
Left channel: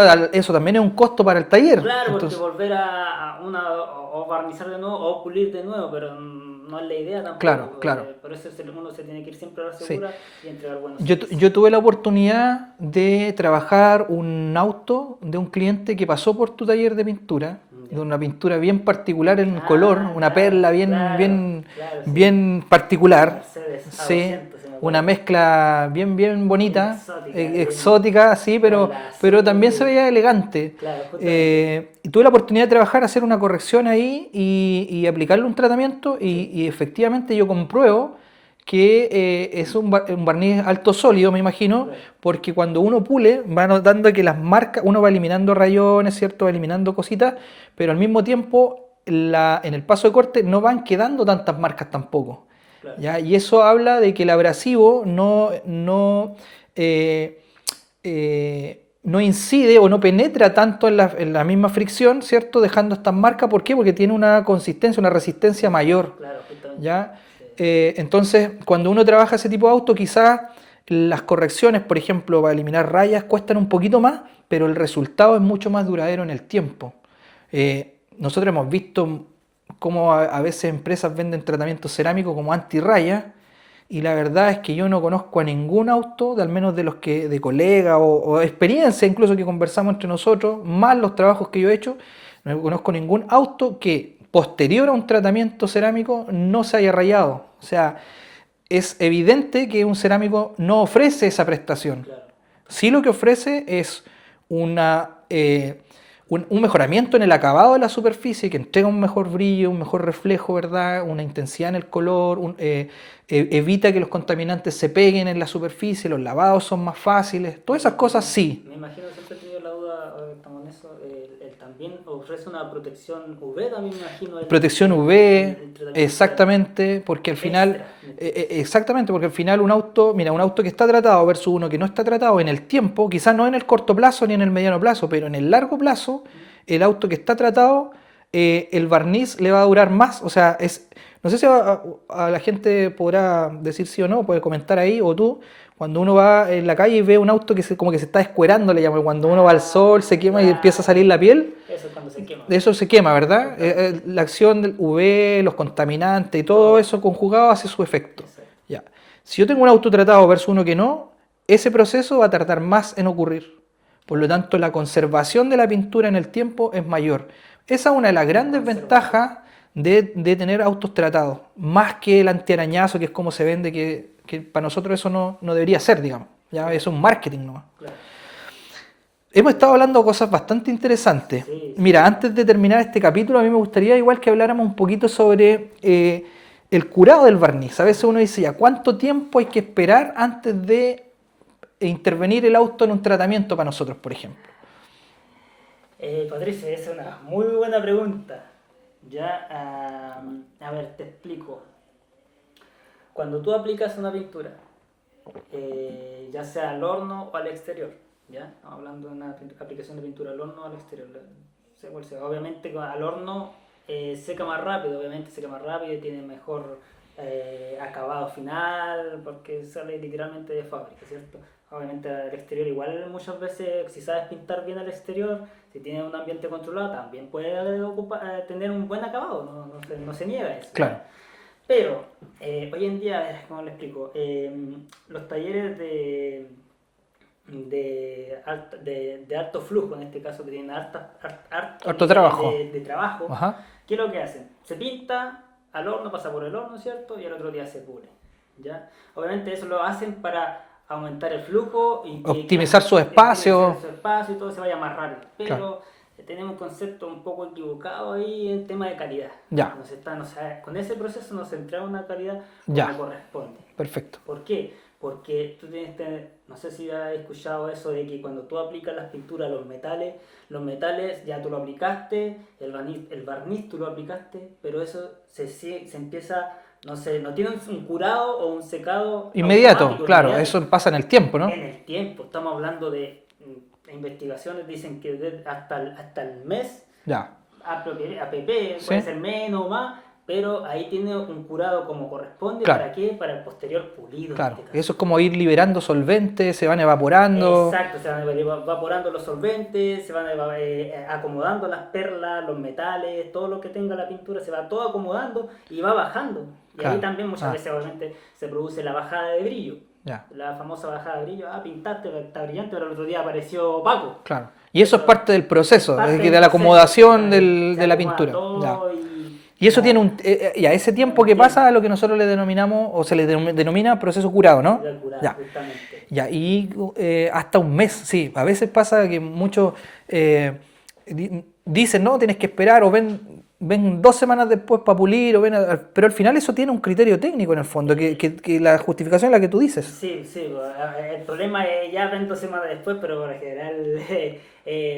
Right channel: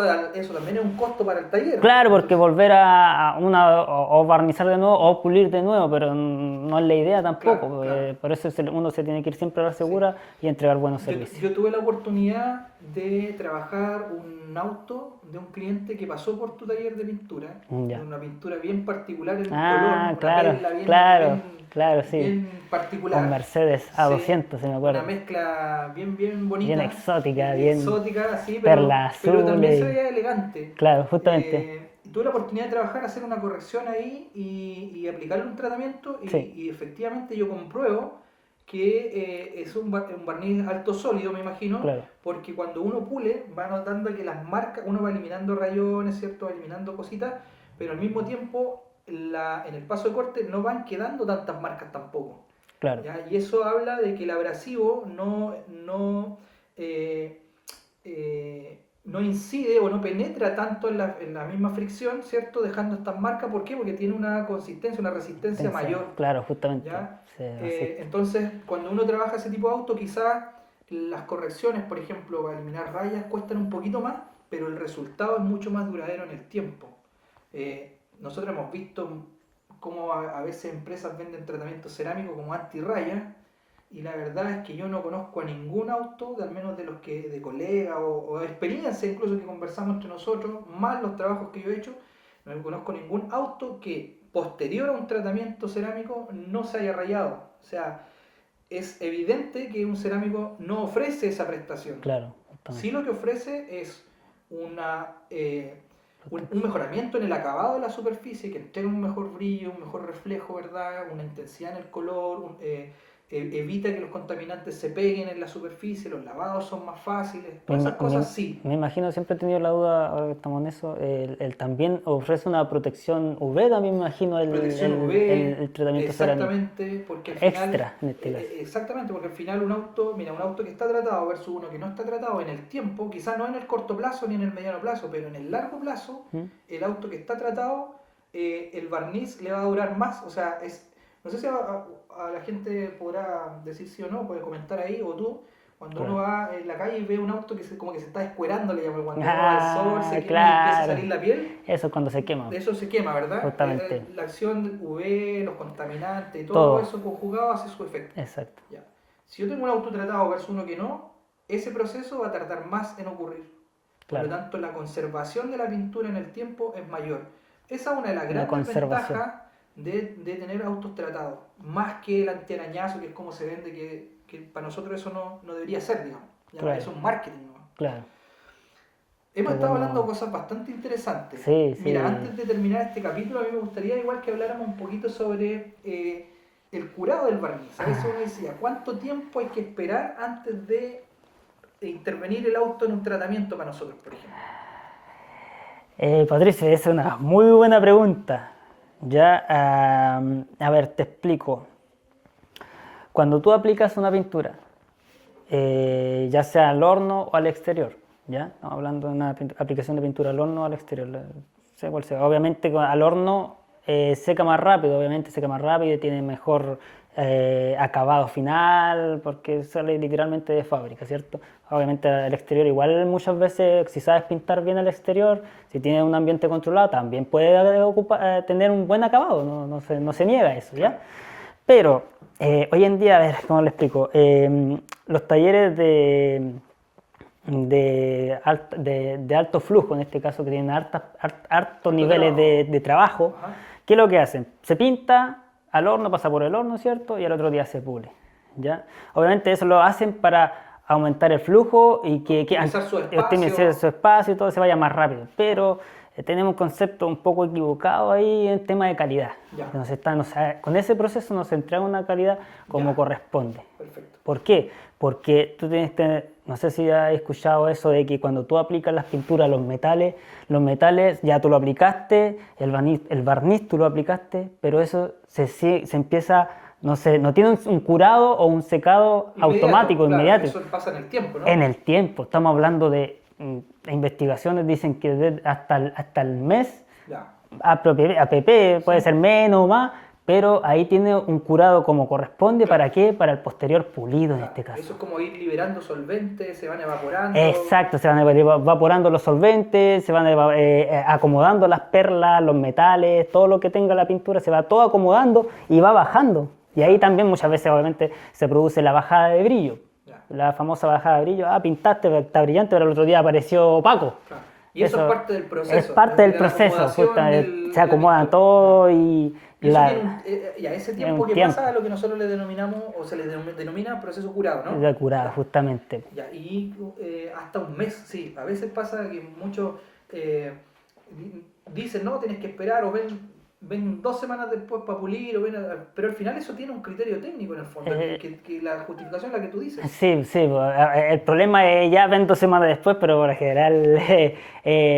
también es un costo para el taller. Claro, porque Entonces, volver o barnizar de nuevo o pulir de nuevo, pero no es la idea tampoco. Claro. Por eso uno se tiene que ir siempre a la segura y entregar buenos yo servicios. tuve la oportunidad de trabajar un auto de un cliente que pasó por tu taller de pintura, Ya. de una pintura bien particular en color, una claro, perla sí. bien particular. Mercedes Sí, A200, si me acuerdo. una mezcla bien bonita, Bien exótica, sí, perla pero azul también se y- veía elegante. Claro, justamente. Y tuve la oportunidad de trabajar, hacer una corrección ahí y aplicarle un tratamiento y efectivamente yo compruebo que es un barniz alto sólido, me imagino, Claro. porque cuando uno pule va notando que las marcas, uno va eliminando rayones, ¿cierto? Va eliminando cositas, pero al mismo tiempo en el paso de corte no van quedando tantas marcas tampoco. Claro. ¿Ya? Y eso habla de que el abrasivo no incide o no penetra tanto en la misma fricción, ¿cierto? Dejando estas marcas. ¿Por qué? Porque tiene una consistencia, una resistencia mayor. Claro, justamente. ¿Ya? Sí, Entonces, cuando uno trabaja ese tipo de auto, quizás las correcciones, por ejemplo, para eliminar rayas, cuestan un poquito más, pero el resultado es mucho más duradero en el tiempo. Nosotros hemos visto cómo a veces empresas venden tratamientos cerámicos como antirraya, y la verdad es que yo no conozco a ningún auto, al menos de los que de colegas o experiencia incluso que conversamos entre nosotros, más los trabajos que yo he hecho, no conozco ningún auto que posterior a un tratamiento cerámico no se haya rayado. O sea, es evidente que un cerámico no ofrece esa prestación. Claro. Sí, lo que ofrece es un mejoramiento en el acabado de la superficie que entrega un mejor brillo, un mejor reflejo, ¿verdad? Una intensidad en el color, evita que los contaminantes se peguen en la superficie, los lavados son más fáciles, todas esas cosas sí. Me imagino, siempre he tenido la duda, ahora que estamos en eso, el también ofrece una protección UV, también me imagino. Protección UV, el tratamiento exactamente, porque al final, extra, en este caso. exactamente, porque al final un auto, mira, un auto que está tratado versus uno que no está tratado en el tiempo, quizás no en el corto plazo ni en el mediano plazo, pero en el largo plazo, el auto que está tratado, el barniz le va a durar más, o sea, no sé si a la gente podrá decir sí o no, puede comentar ahí, o tú, cuando uno va en la calle y ve un auto que como que se está escuerando, le llaman, cuando uno va al sol, se quema y empieza a salir la piel. Eso es cuando se quema. Eso se quema, ¿verdad? Totalmente. La acción del UV, los contaminantes y todo eso conjugado hace su efecto. Exacto. Ya. Si yo tengo un auto tratado versus uno que no, ese proceso va a tardar más en ocurrir. Por lo tanto, la conservación de la pintura en el tiempo es mayor. Esa es una de las grandes ventajas de tener autos tratados, más que el antiarañazo, que es como se vende, que para nosotros eso no debería ser, digamos. Ya Claro. eso es un marketing nomás. Claro. Hemos estado hablando de cosas bastante interesantes. Sí, Mira, sí. antes de terminar este capítulo, a mí me gustaría igual que habláramos un poquito sobre el curado del barniz. A veces uno dice ya, ¿cuánto tiempo hay que esperar antes de intervenir el auto en un tratamiento para nosotros, por ejemplo? Patricia, esa es una muy buena pregunta. Ya, a ver, te explico. Cuando tú aplicas una pintura, ya sea al horno o al exterior, ¿ya? Estamos hablando de una aplicación de pintura al horno o al exterior, sea cual sea. Obviamente al horno seca más rápido, y tiene mejor acabado final, porque sale literalmente de fábrica, ¿cierto? Obviamente al exterior igual muchas veces, si sabes pintar bien al exterior, si tienes un ambiente controlado, también puede tener un buen acabado, no se niega eso, ¿ya? Claro. Pero hoy en día, a ver, ¿cómo le explico? Los talleres de alto flujo, en este caso, que tienen harto niveles trabajo. de trabajo, Ajá. ¿qué es lo que hacen? Se pinta al horno, pasa por el horno, ¿cierto? Y al otro día se pule, ¿ya? Obviamente eso lo hacen para aumentar el flujo y Optimizar su espacio. optimizar su espacio y todo se vaya más rápido. Pero Claro. tenemos un concepto un poco equivocado ahí en tema de calidad. Ya. Con ese proceso nos entrega una calidad como Ya. corresponde. Perfecto. ¿Por qué? Porque tú tienes que, no sé si has escuchado eso de que cuando tú aplicas las pinturas, los metales ya tú lo aplicaste, el barniz tú lo aplicaste, pero eso se empieza, no sé, no tiene un curado o un secado Inmediato, automático, claro, inmediato. eso pasa en el tiempo, ¿no? En el tiempo, estamos hablando de investigaciones, dicen que hasta el mes, Ya. APP, puede Sí. ser menos o más, pero ahí tiene un curado como corresponde. Claro. ¿Para qué? Para el posterior pulido, en Claro. este caso. Eso es como ir liberando solventes, se van evaporando. Exacto, se van evaporando los solventes, se van acomodando las perlas, los metales, todo lo que tenga la pintura, se va todo acomodando y va bajando. Y ahí Claro. también muchas veces obviamente se produce la bajada de brillo. Ya. La famosa bajada de brillo, pintaste, está brillante, pero el otro día apareció opaco. Claro. Y eso es Eso parte del proceso, es parte de del la proceso, acomodación puta, de se la acomoda pintura. todo Ya. y eso tiene y a ese tiempo un que pasa tiempo. lo que nosotros le denominamos, o se le denomina proceso curado, ¿no? de curado, Ya. justamente. Ya, y hasta un mes, sí. A veces pasa que muchos dicen, no, tienes que esperar, o ven 2 semanas después para pulir, pero al final eso tiene un criterio técnico en el fondo, que la justificación es la que tú dices. Sí, sí, el problema es ya ven 2 semanas después, pero por lo general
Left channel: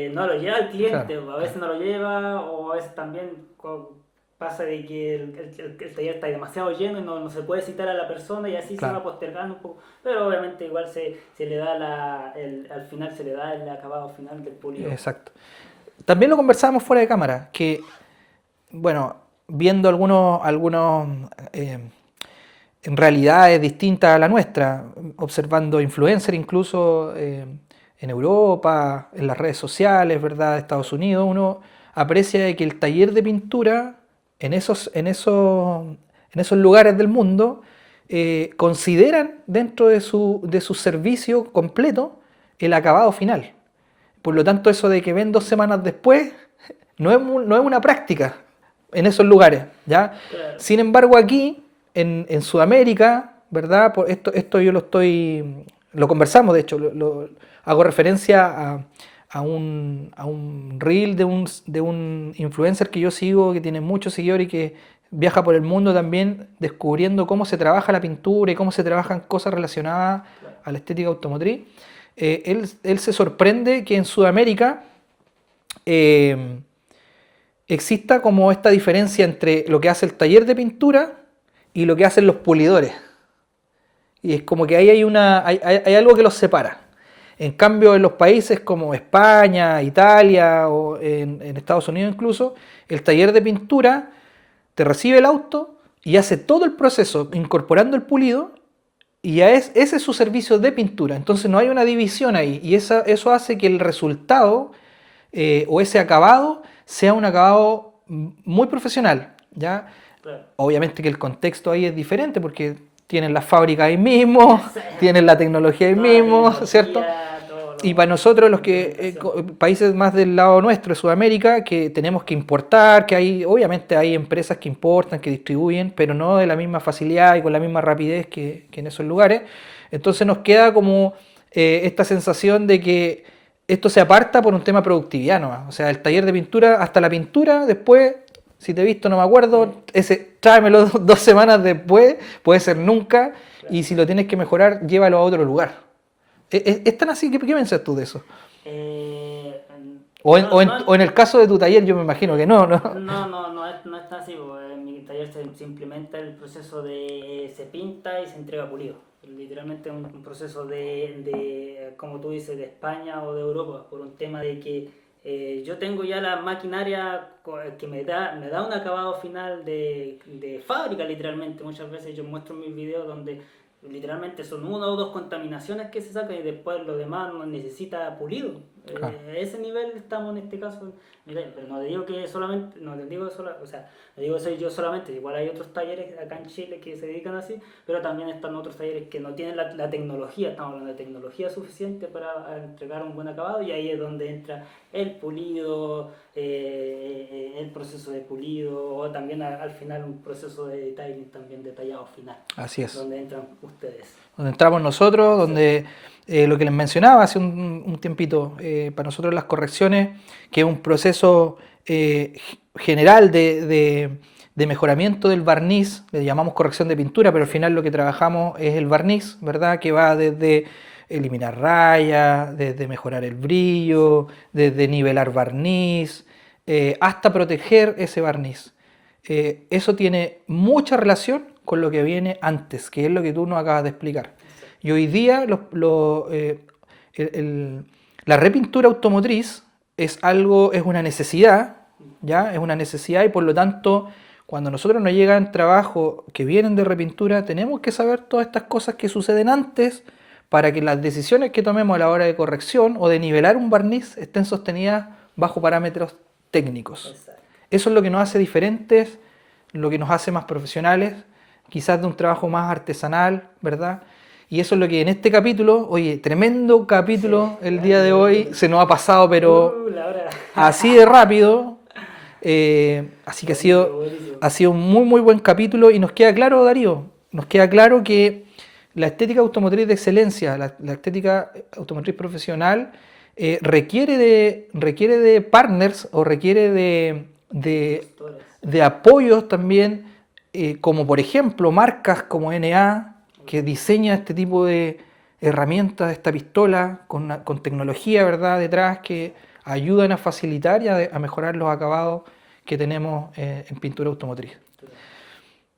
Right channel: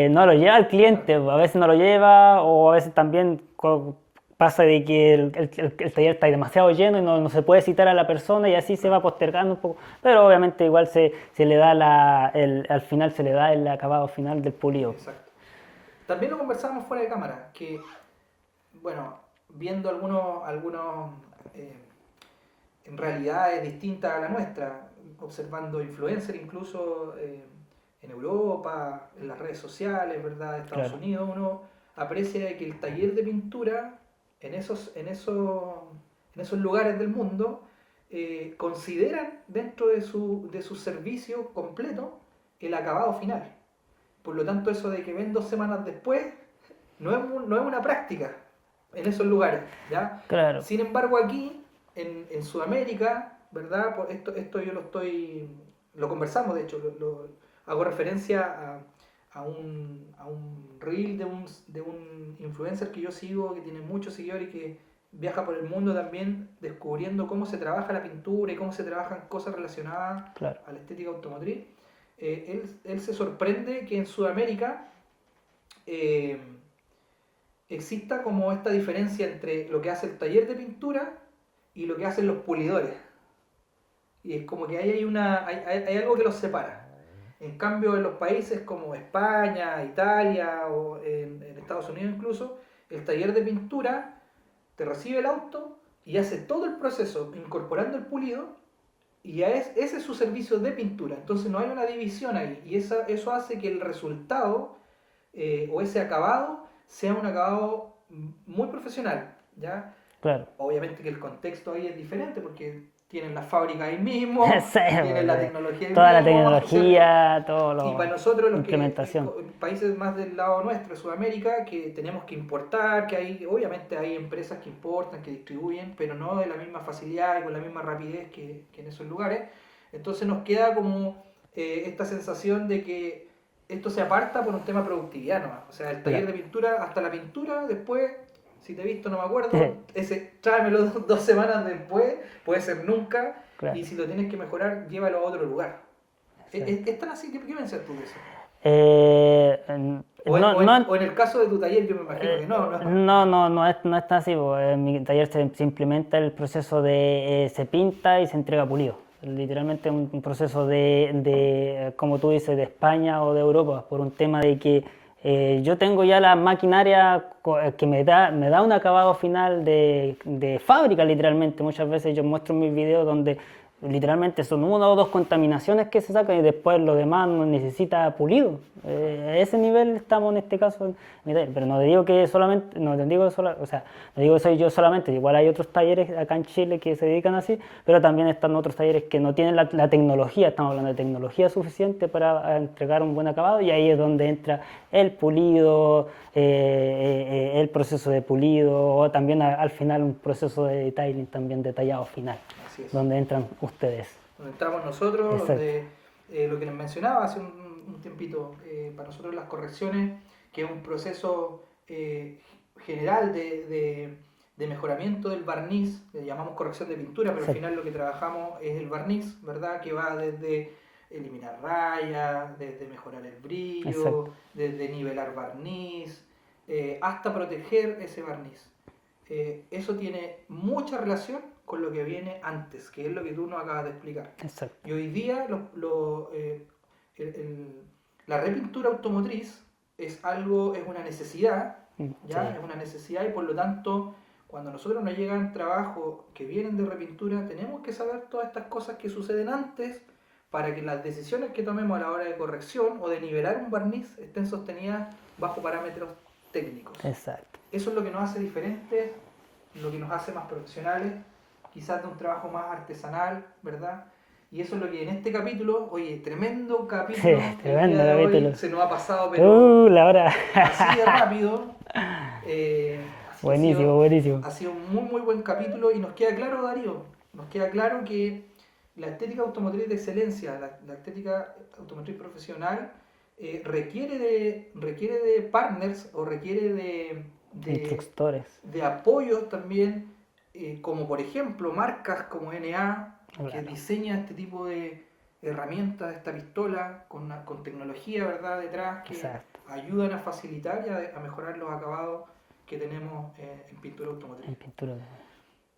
no lo lleva el cliente, Claro. a veces no lo lleva, o a veces también pasa de que el taller está demasiado lleno y no se puede citar a la persona y así se Claro. va postergando un poco, pero obviamente igual se le da al final se le da el acabado final del pulido. Exacto. También lo conversábamos fuera de cámara, que, bueno, viendo algunos en realidades distintas a la nuestra, observando influencers incluso en Europa, en las redes sociales, ¿verdad? Estados Unidos, uno aprecia de que el taller de pintura en esos lugares del mundo consideran dentro de su servicio completo el acabado final. Por lo tanto, eso de que ven 2 semanas después no es una práctica en esos lugares, ¿ya? Claro. Sin embargo, aquí, en Sudamérica, ¿verdad? Esto yo lo conversamos, de hecho, hago referencia a un reel de un influencer que yo sigo, que tiene muchos seguidores y que viaja por el mundo también descubriendo cómo se trabaja la pintura y cómo se trabajan cosas relacionadas Claro. a la estética automotriz. Él se sorprende que en Sudamérica eh, exista como esta diferencia entre lo que hace el taller de pintura y lo que hacen los pulidores. Y es como que ahí hay algo que los separa. En cambio, en los países como España, Italia o en Estados Unidos incluso, el taller de pintura te recibe el auto y hace todo el proceso incorporando el pulido y ya ese es su servicio de pintura. Entonces no hay una división ahí y eso hace que el resultado o ese acabado sea un acabado muy profesional, ¿ya? Claro. Obviamente que el contexto ahí es diferente porque tienen las fábricas ahí mismo, Sí, tienen la tecnología ahí toda la mismo, ¿cierto? tecnología, todo lo- Y para nosotros, los que implementación. países más del lado nuestro, de Sudamérica, que tenemos que importar, que obviamente hay empresas que importan, que distribuyen, pero no de la misma facilidad y con la misma rapidez que en esos lugares. Entonces nos queda como esta sensación de que esto se aparta por un tema de productividad nomás. O sea, el taller de pintura, hasta la pintura, después, si te he visto no me acuerdo, tráemelo 2 semanas después, puede ser nunca, Claro. y si lo tienes que mejorar, llévalo a otro lugar. ¿Es tan así? ¿Qué piensas tú de eso? O en el caso de tu taller, yo me imagino que no, ¿no? No es tan así, porque en mi taller se implementa el proceso de se pinta y se entrega pulido. Literalmente un proceso como tú dices, de España o de Europa, por un tema de que yo tengo ya la maquinaria que me da un acabado final de fábrica, literalmente. Muchas veces yo muestro en mis videos donde literalmente son 1 o 2 contaminaciones que se sacan y después lo demás no necesita pulido. A ese nivel estamos en este caso, pero no te digo que solamente, no te digo o sea, no digo que soy yo solamente, igual hay otros talleres acá en Chile que se dedican así, pero también están otros talleres que no tienen la tecnología, estamos hablando de tecnología suficiente para entregar un buen acabado, y ahí es donde entra el pulido, el proceso de pulido, o también al final un proceso de detailing también detallado final. Así es. Donde entran ustedes. Donde entramos nosotros, Exacto. donde lo que les mencionaba hace un tiempito, para nosotros las correcciones, que es un proceso general de mejoramiento del barniz, le llamamos corrección de pintura, pero al final lo que trabajamos es el barniz, ¿verdad? Que va desde eliminar rayas, desde mejorar el brillo, desde nivelar barniz, hasta proteger ese barniz. Eso tiene mucha relación con lo que viene antes, que es lo que tú nos acabas de explicar. Exacto. Y hoy día la repintura automotriz es una necesidad, ¿ya? Es una necesidad, y por lo tanto, cuando a nosotros nos llegan trabajos que vienen de repintura, tenemos que saber todas estas cosas que suceden antes para que las decisiones que tomemos a la hora de corrección o de nivelar un barniz estén sostenidas bajo parámetros técnicos. Exacto. Eso es lo que nos hace diferentes, lo que nos hace más profesionales, quizás de un trabajo más artesanal, ¿verdad? Y eso es lo que en este capítulo, oye, tremendo capítulo Sí, el tremendo día de hoy, capítulo. se nos ha pasado, pero La hora. así de rápido. Así que Buenísimo. ha sido un muy, muy buen capítulo, y nos queda claro, Darío, nos queda claro que la estética automotriz de excelencia, la estética automotriz profesional, requiere de partners, o requiere Instructores. de apoyos también, como por ejemplo marcas como NA, que diseña este tipo de herramientas, esta pistola con tecnología, ¿verdad?, detrás, que Exacto. ayudan a facilitar y a mejorar los acabados que tenemos en pintura automotriz. Pintura.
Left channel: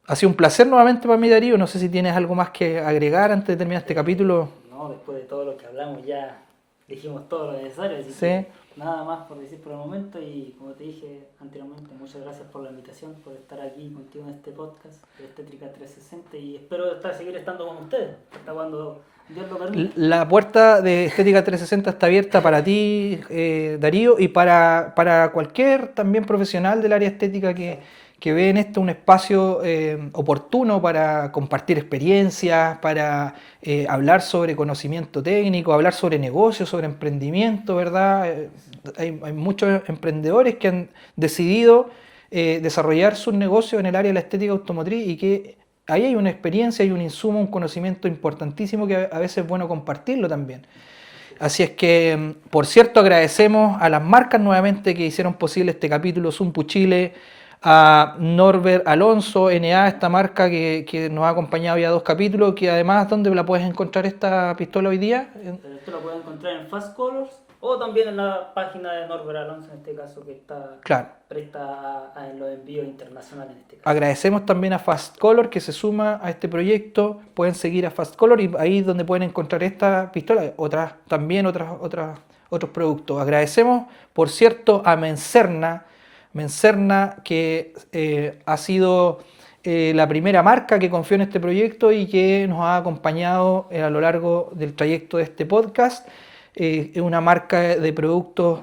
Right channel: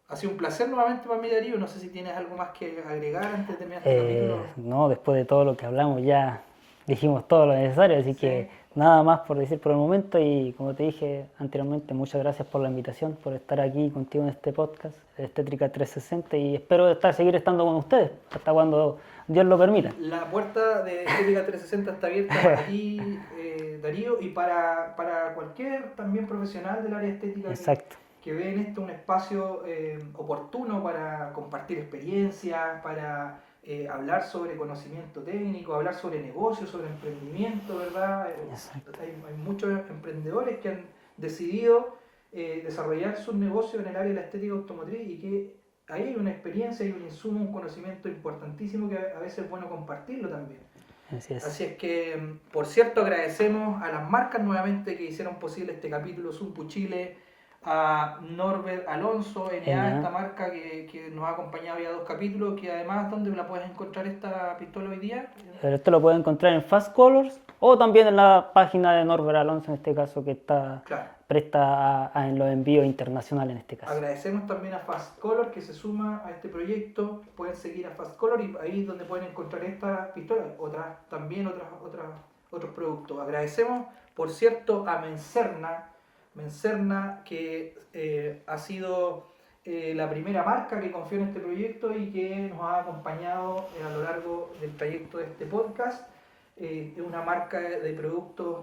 Ha sido un placer nuevamente para mí, Darío. No sé si tienes algo más que agregar antes de terminar este capítulo. No, después de todo lo que hablamos ya dijimos todo lo necesario, así Sí. que nada más por decir por el momento, y como te dije anteriormente, muchas gracias por la invitación, por estar aquí contigo en este podcast de Estética 360, y espero seguir estando con ustedes hasta cuando Dios lo permita. La puerta de Estética 360 está abierta para ti, Darío, y para cualquier también profesional del área estética Exacto. que ve en esto un espacio oportuno para compartir experiencias, para hablar sobre conocimiento técnico, hablar sobre negocios, sobre emprendimiento, ¿verdad? Hay muchos emprendedores que han decidido desarrollar sus negocios en el área de la estética automotriz, y que ahí hay una experiencia, hay un insumo, un conocimiento importantísimo que a veces es bueno compartirlo también. Así es que, por cierto, agradecemos a las marcas nuevamente que hicieron posible este capítulo: Zumpu Chile, a Norbert Alonso, NA, NA. esta marca que nos ha acompañado ya 2 capítulos, que además, ¿dónde la puedes encontrar esta pistola hoy día? Pero esto lo pueden encontrar en Fast Colors o también en la página de Norbert Alonso, en este caso, que está Claro. presta en los envíos internacionales en este caso. Agradecemos también a Fast Color que se suma a este proyecto. Pueden seguir a Fast Color y ahí es donde pueden encontrar esta pistola, otros productos. Agradecemos, por cierto, a Mencerna, que ha sido la primera marca que confió en este proyecto y que nos ha acompañado a lo largo del trayecto de este podcast. Es una marca de productos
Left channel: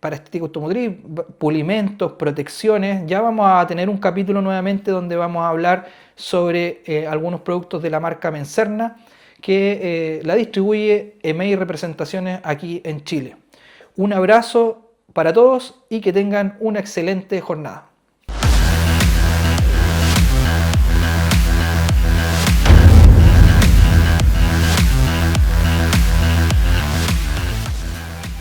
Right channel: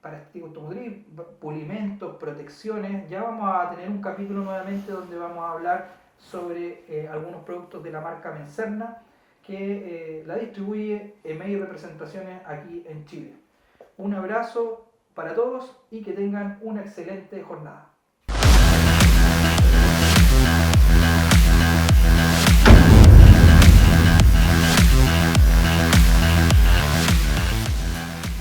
para estética automotriz, pulimentos, protecciones. Ya vamos a tener un capítulo nuevamente donde vamos a hablar sobre algunos productos de la marca Mencerna que la distribuye EMEI Representaciones aquí en Chile. Un abrazo para todos y que tengan una excelente jornada.